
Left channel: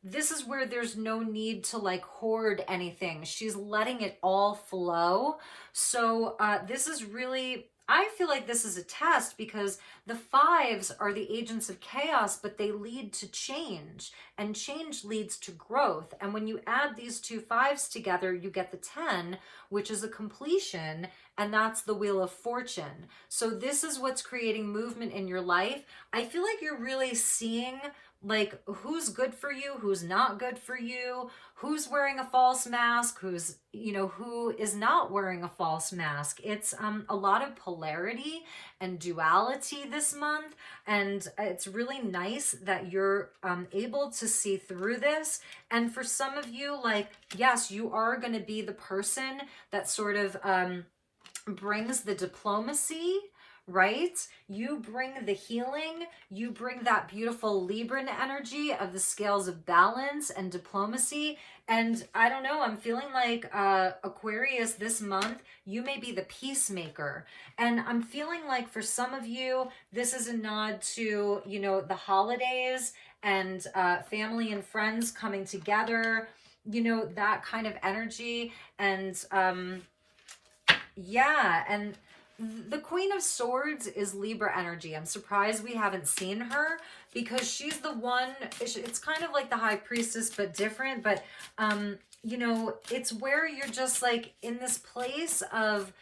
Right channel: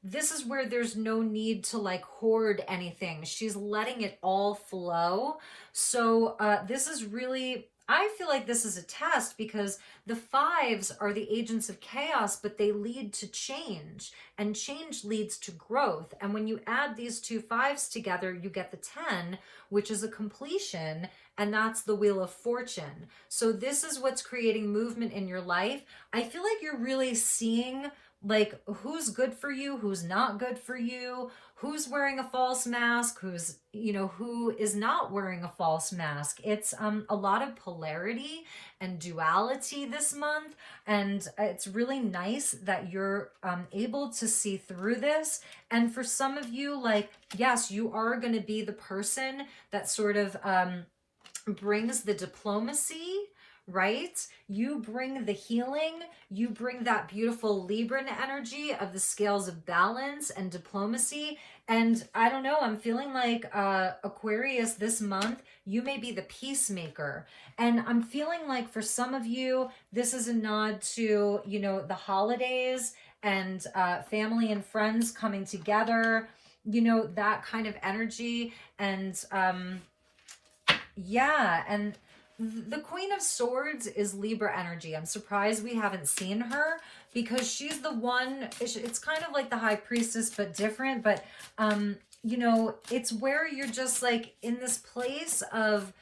This is where there's no need to like hoard anything. She's letting it all flow. So this is really, I feel like this is a test, because the fives are the agents of chaos, but they lead to change, and change leads to growth. And when you add these two fives together, you get the 10, which is a completion, and that's the Wheel of Fortune. So this is what's creating movement in your life. I feel like you're really seeing like who's good for you, who's not good for you, who's wearing a false mask, who's, you know, who is not wearing a false mask. It's a lot of polarity and duality this month, and it's really nice that you're able to see through this. And for some of you, like, yes, you are going to be the person that sort of brings the diplomacy, right? You bring the healing, you bring that beautiful Libran energy of the scales of balance and diplomacy. And I don't know, I'm feeling like Aquarius this month, you may be the peacemaker. And I'm feeling like for some of you, this is a nod to, you know, the holidays and family and friends coming together, you know, that kind of energy. And yeah, and the Queen of Swords is Libra energy. I'm surprised we haven't seen her, because she's the one, it's kind of like the High Priestess, but different. But, you know, it's where you're just like in this place of,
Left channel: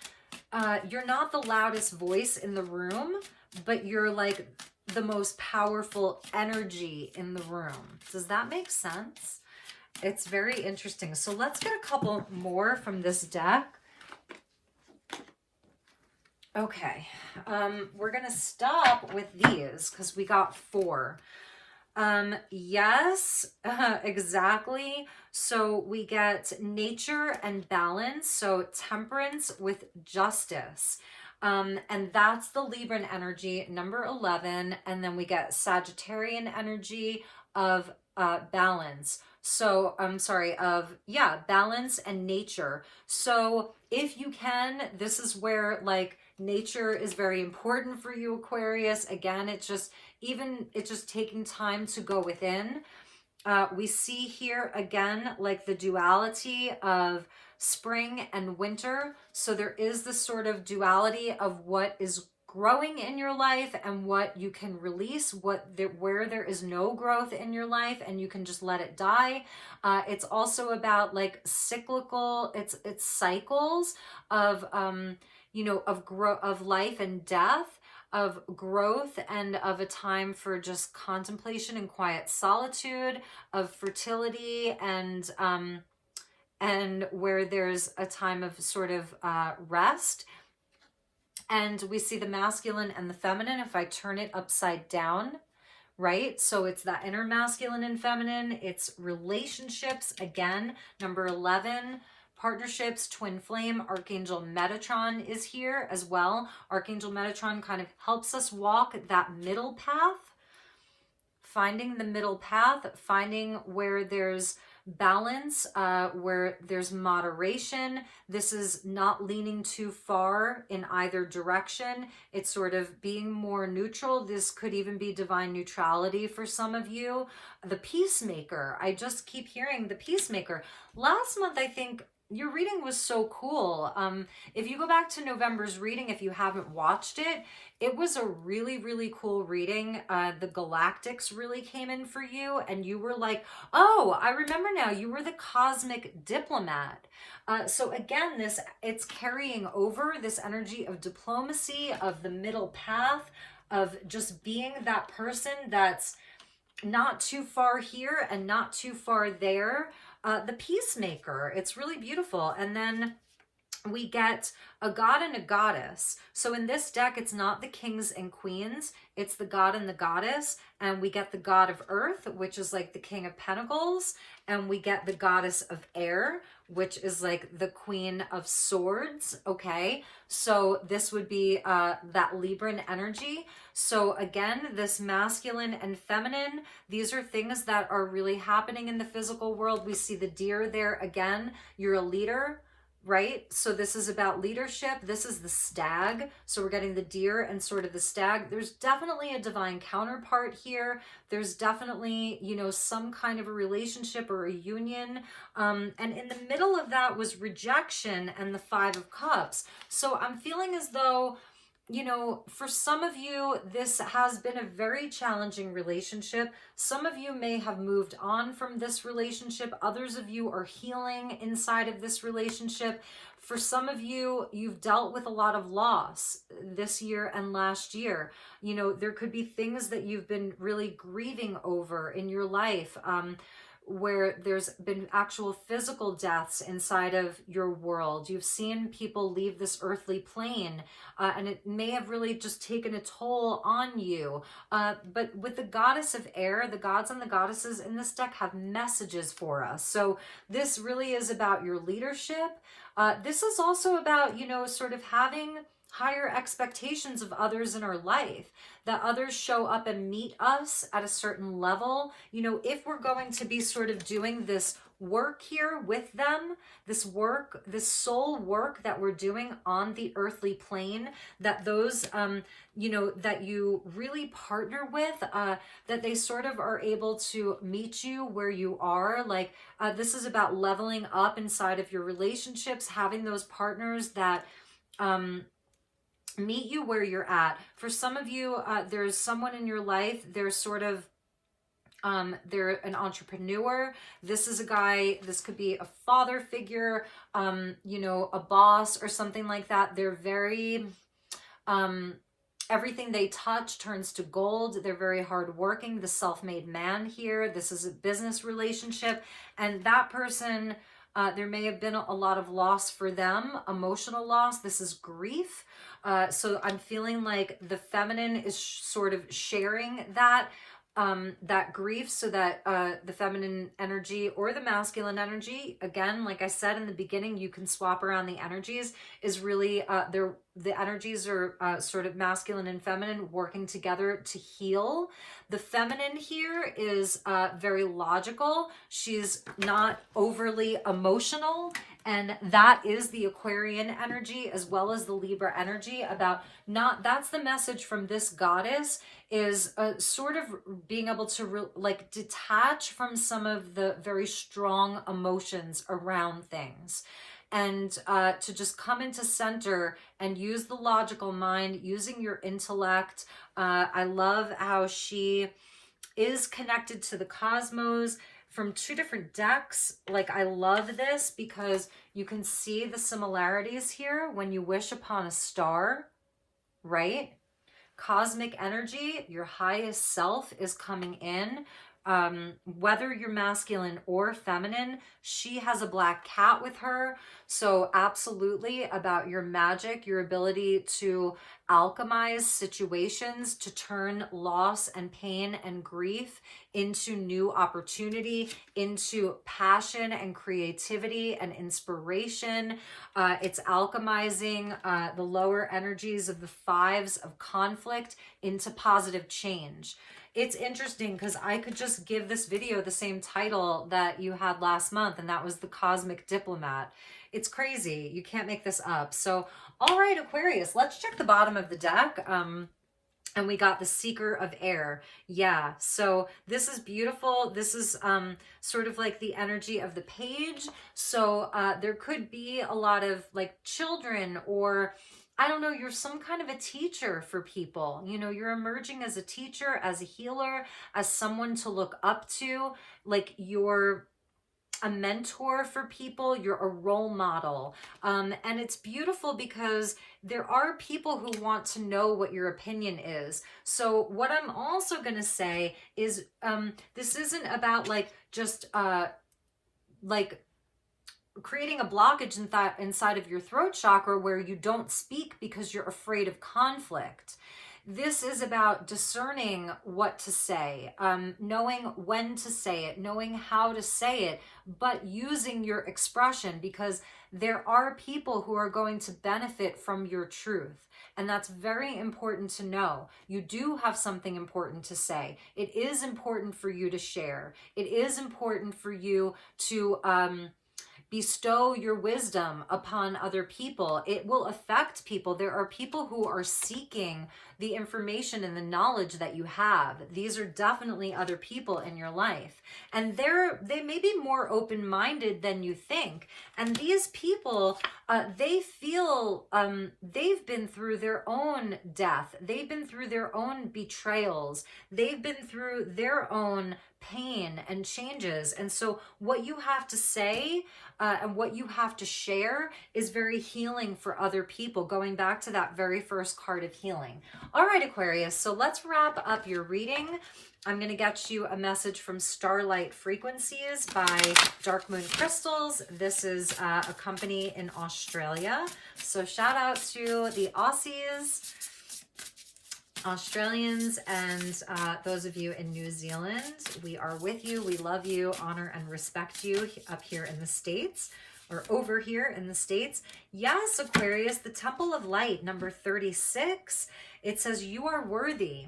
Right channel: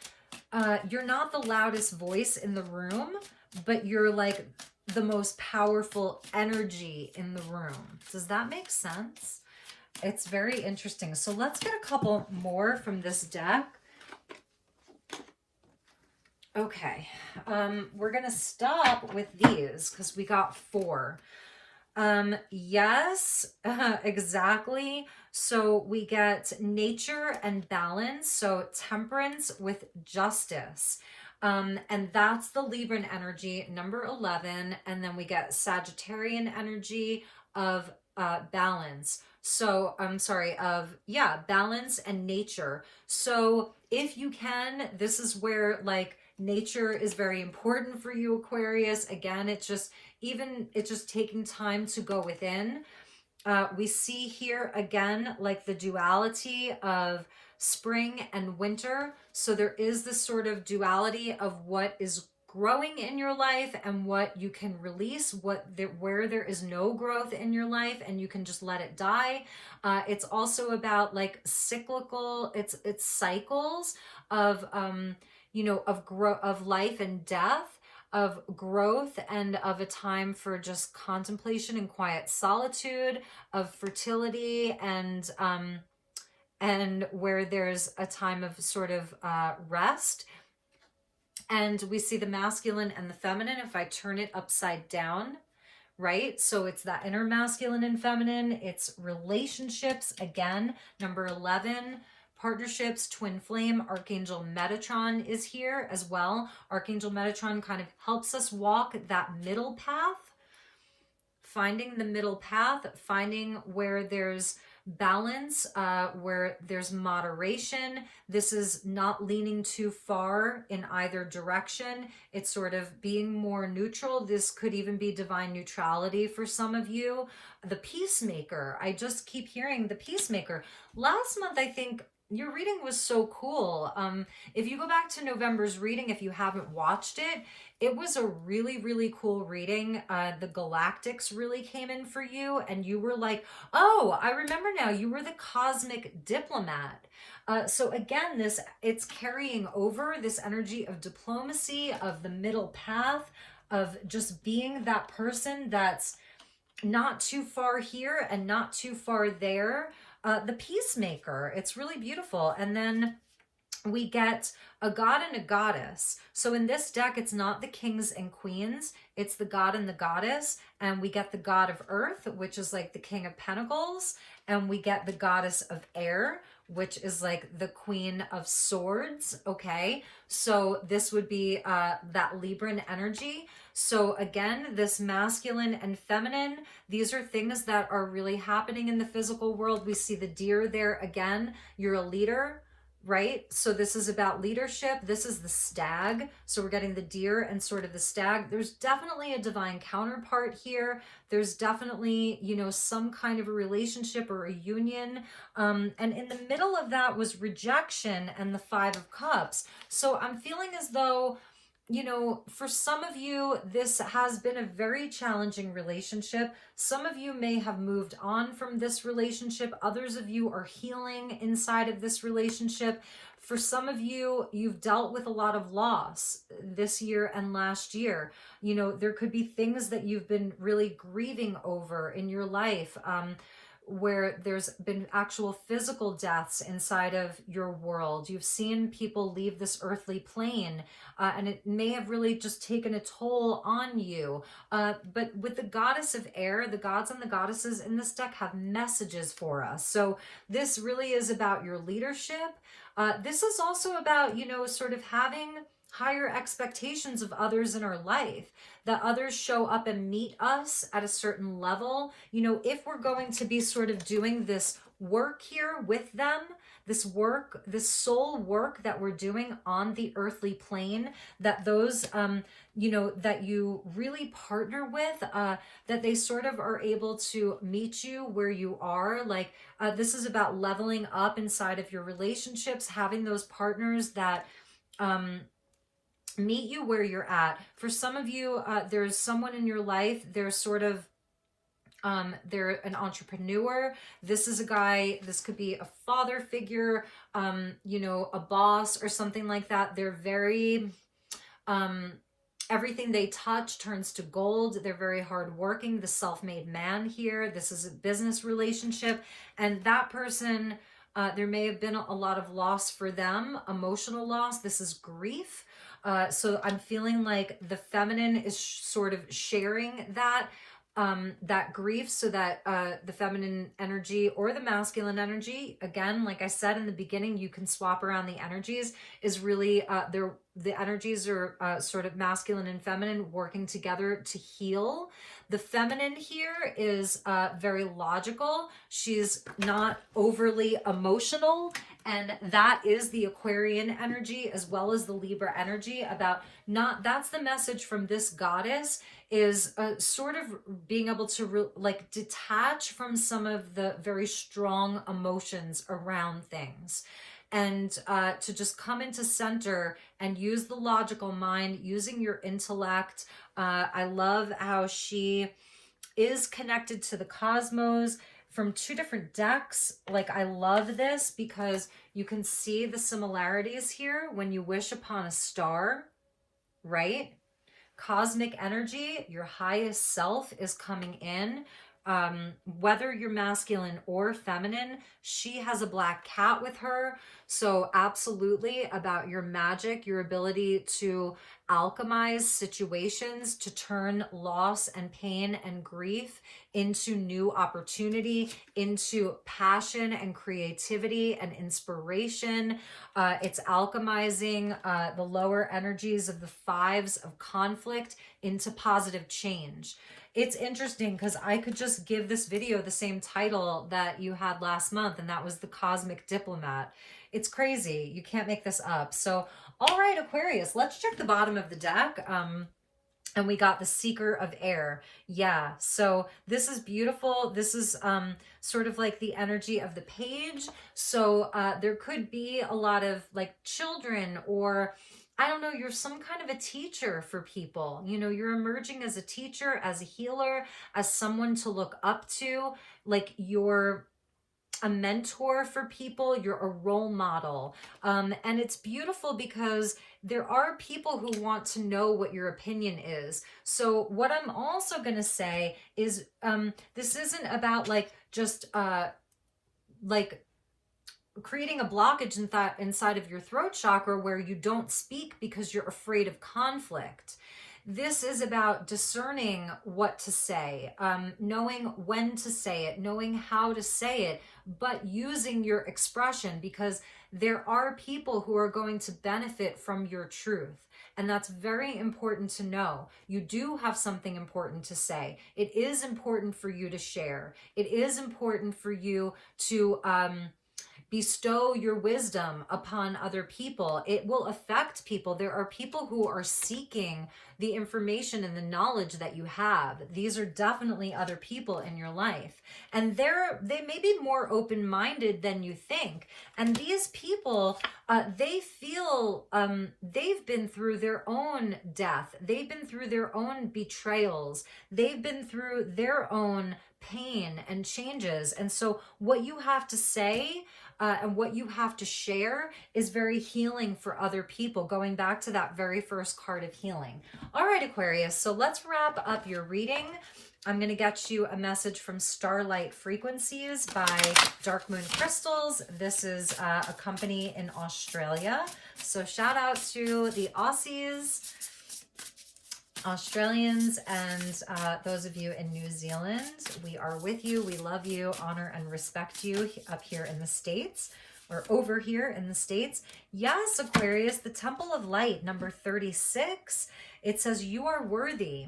you're not the loudest voice in the room, but you're like the most powerful energy in the room. Does that make sense? It's very interesting. So let's get a couple more from this deck. Okay, we're going to stop with these because we got 4. Yes, exactly. So we get nature and balance. So temperance with justice. And that's the Libran energy, number 11. And then we get Sagittarian energy of balance. So I'm sorry, of, yeah, balance and nature. So if you can, this is where like Nature is very important for you, Aquarius. Again, it's just taking time to go within. We see here again, like the duality of spring and winter. So there is this sort of duality of what is growing in your life and what you can release, where there is no growth in your life and you can just let it die. It's also about like cyclical, it's cycles of of life and death, of growth, and of a time for just contemplation and quiet solitude, of fertility, and where there's a time of sort of rest. And we see the masculine and the feminine. If I turn it upside down, right? So it's that inner masculine and feminine. It's relationships, again, number 11. Partnerships, twin flame, Archangel Metatron is here as well. Archangel Metatron kind of helps us walk that middle path, finding the middle path, finding where there's balance, where there's moderation. This is not leaning too far in either direction. It's sort of being more neutral. This could even be divine neutrality for some of you. The Peacemaker, I just keep hearing the Peacemaker. Last month, I think, your reading was so cool. If you go back to November's reading, if you haven't watched it, it was a really, really cool reading. The galactics really came in for you, and you were like, oh, I remember now, you were the cosmic diplomat. So again, it's carrying over this energy of diplomacy, of the middle path, of just being that person that's not too far here and not too far there. The Peacemaker, it's really beautiful. And then we get a god and a goddess. So in this deck, it's not the kings and queens, it's the god and the goddess. And we get the god of earth, which is like the king of pentacles. And we get the goddess of air, which is like the queen of swords. Okay, so this would be that Libran energy. So again, this masculine and feminine, these are things that are really happening in the physical world. We see the deer there again. You're a leader, right? So this is about leadership. This is the stag. So we're getting the deer and sort of the stag. There's definitely a divine counterpart here. There's definitely, some kind of a relationship or a union. And in the middle of that was rejection and the 5 of Cups. So I'm feeling as though, for some of you, this has been a very challenging relationship. Some of you may have moved on from this relationship. Others of you are healing inside of this relationship. For some of you, you've dealt with a lot of loss this year and last year. There could be things that you've been really grieving over in your life, where there's been actual physical deaths inside of your world. You've seen people leave this earthly plane, and it may have really just taken a toll on you. But with the goddess of air, the gods and the goddesses in this deck have messages for us. So this really is about your leadership. This is also about, sort of having higher expectations of others in our life, that others show up and meet us at a certain level. If we're going to be sort of doing this work here with them, this work, this soul work that we're doing on the earthly plane, that those, that you really partner with, that they sort of are able to meet you where you are. Like, this is about leveling up inside of your relationships, having those partners that, meet you where you're at. For some of you, there's someone in your life, they're sort of, they're an entrepreneur. This is a guy, this could be a father figure, a boss or something like that. They're very, everything they touch turns to gold. They're very hardworking, the self-made man here. This is a business relationship. And that person, there may have been a lot of loss for them, emotional loss. This is grief. So I'm feeling like the feminine is sort of sharing that, that grief, so that the feminine energy or the masculine energy, again, like I said in the beginning, you can swap around the energies, is really, they're the energies are sort of masculine and feminine working together to heal. The feminine here is very logical. She's not overly emotional. And that is the Aquarian energy as well as the Libra energy about not, that's the message from this goddess, is sort of being able to like detach from some of the very strong emotions around things. And to just come into center and use the logical mind, using your intellect. I love how she is connected to the cosmos from two different decks. Like, I love this because you can see the similarities here when you wish upon a star, right? Cosmic energy, your highest self is coming in. Whether you're masculine or feminine, she has a black cat with her. So absolutely about your magic, your ability to alchemize situations, to turn loss and pain and grief into new opportunity, into passion and creativity and inspiration. It's alchemizing the lower energies of the fives of conflict into positive change. It's interesting because I could just give this video the same title that you had last month, and that was The Cosmic Diplomat. It's crazy. You can't make this up. So, all right, Aquarius, let's check the bottom of the deck. And we got the Seeker of Air. Yeah, so this is beautiful. This is sort of like the energy of the page. So there could be a lot of like children, or I don't know, you're some kind of a teacher for people. You know, you're emerging as a teacher, as a healer, as someone to look up to. Like, you're a mentor for people, you're a role model. And it's beautiful because there are people who want to know what your opinion is. So what I'm also going to say is this isn't about like just like creating a blockage inside of your throat chakra where you don't speak because you're afraid of conflict. This is about discerning what to say, knowing when to say it, knowing how to say it, but using your expression, because there are people who are going to benefit from your truth. And that's very important to know. You do have something important to say. It is important for you to share. It is important for you to bestow your wisdom upon other people. It will affect people. There are people who are seeking the information and the knowledge that you have. These are definitely other people in your life. And they may be more open-minded than you think. And these people, they feel they've been through their own death. They've been through their own betrayals. They've been through their own pain and changes. And so what you have to say and what you have to share is very healing for other people, going back to that very first card of healing. All right, Aquarius, so let's wrap up your reading. I'm going to get you a message from Starlight Frequencies by Dark Moon Crystals. This is a company in Australia. So shout out to the Aussies, Australians, and those of you in New Zealand. We are with you. We love you, honor and respect you up here in the States, or over here in the States. Yes, Aquarius, the Temple of Light, number 36. It says, you are worthy.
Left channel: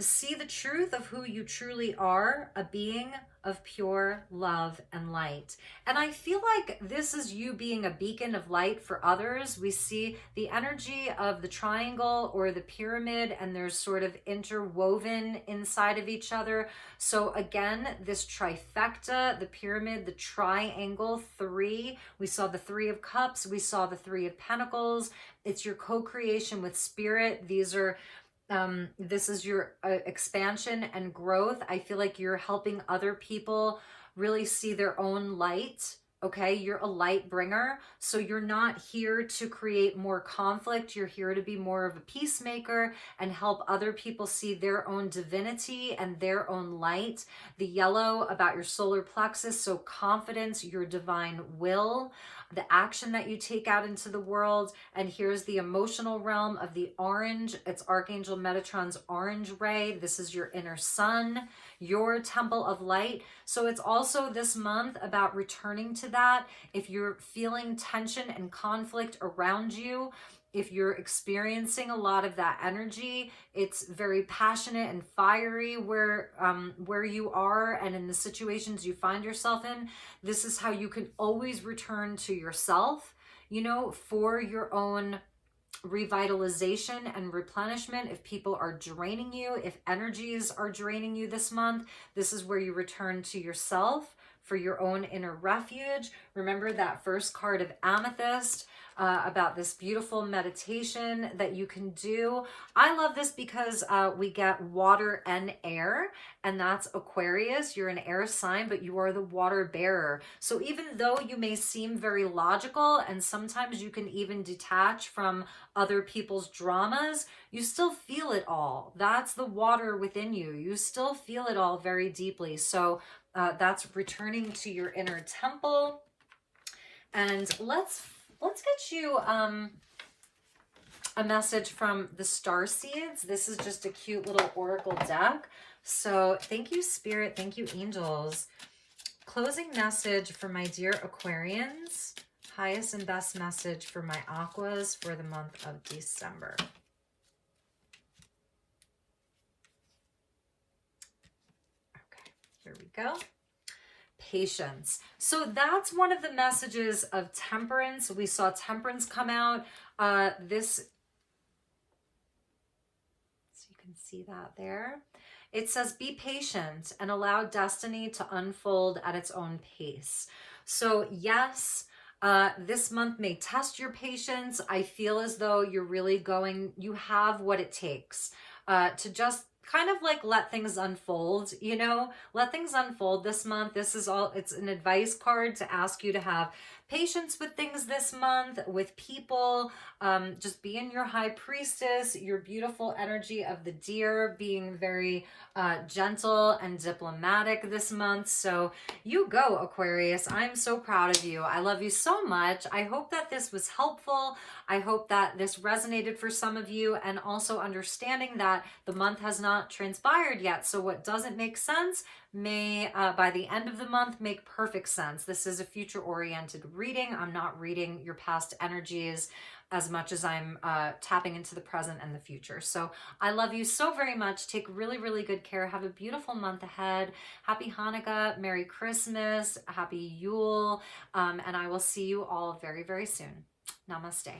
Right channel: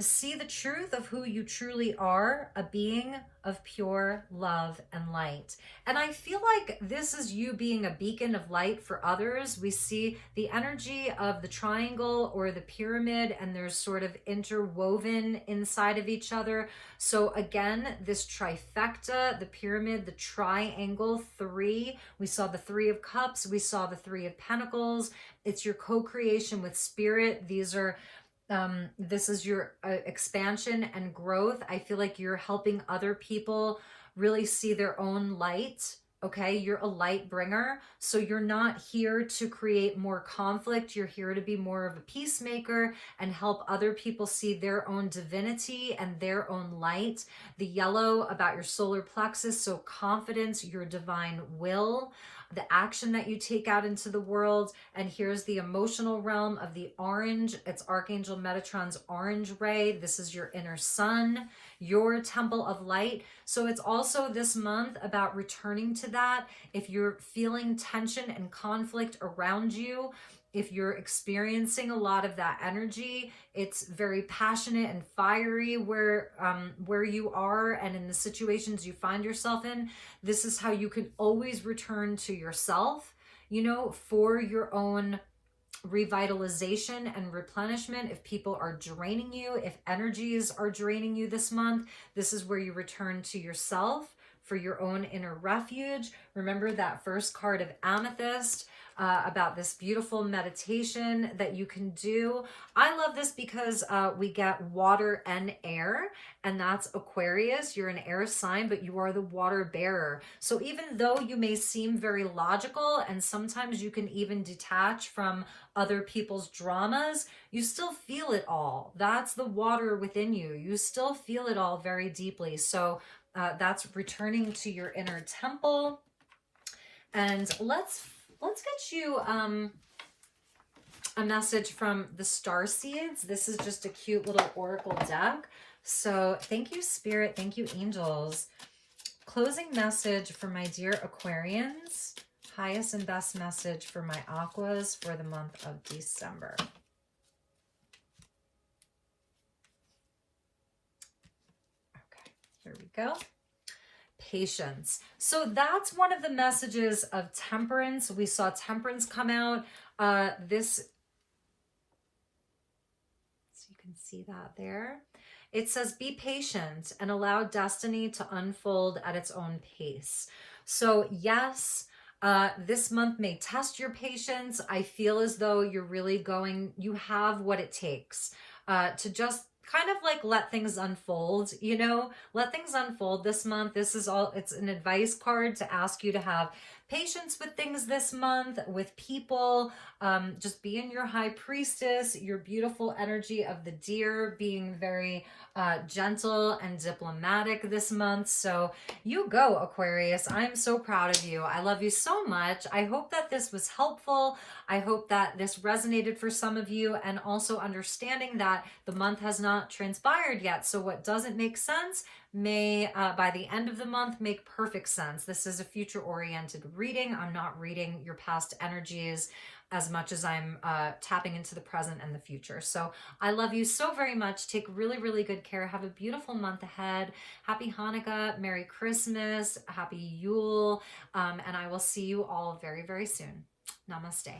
See the truth of who you truly are, a being of pure love and light. And I feel like this is you being a beacon of light for others. We see the energy of the triangle or the pyramid, and they're sort of interwoven inside of each other. So again, this trifecta, the pyramid, the triangle, three. We saw the Three of Cups. We saw the Three of Pentacles. It's your co-creation with spirit. These are this is your expansion and growth. I feel like you're helping other people really see their own light. Okay, you're a light bringer. So you're not here to create more conflict. You're here to be more of a peacemaker and help other people see their own divinity and their own light. The yellow about your solar plexus, so confidence, your divine will, the action that you take out into the world. And here's the emotional realm of the orange. It's Archangel Metatron's orange ray. This is your inner sun, your temple of light. So it's also this month about returning to that. If you're feeling tension and conflict around you, If you're experiencing a lot of that energy, it's very passionate and fiery where you are and in the situations you find yourself in. This is how you can always return to yourself, you know, for your own revitalization and replenishment. If people are draining you, if energies are draining you this month, this is where you return to yourself for your own inner refuge. Remember that first card of Amethyst, about this beautiful meditation that you can do. I love this because we get water and air, and that's Aquarius. You're an air sign, but you are the water bearer. So even though you may seem very logical, and sometimes you can even detach from other people's dramas, you still feel it all. That's the water within you. You still feel it all very deeply. So that's returning to your inner temple. And let's get you a message from the star seeds. This is just a cute little oracle deck. So thank you, Spirit. Thank you, angels. Closing message for my dear Aquarians. Highest and best message for my Aquas for the month of December. Okay, here we go. Patience. So that's one of the messages of temperance. We saw temperance come out. So you can see that there. It says, be patient and allow destiny to unfold at its own pace. So yes, this month may test your patience. I feel as though you have what it takes to just kind of like let things unfold, you know, let things unfold this month. It's an advice card to ask you to have patience with things this month, with people. Just being your high priestess, your beautiful energy of the deer, being very gentle and diplomatic this month. So you go, Aquarius. I'm so proud of you. I love you so much. I hope that this was helpful. I hope that this resonated for some of you, and also understanding that the month has not transpired yet. So what doesn't make sense may, by the end of the month, make perfect sense. This is a future-oriented reading. I'm not reading your past energies as much as I'm tapping into the present and the future. So I love you so very much. Take really, really good care. Have a beautiful month ahead. Happy Hanukkah, Merry Christmas, Happy Yule, and I will see you all very, very soon. Namaste.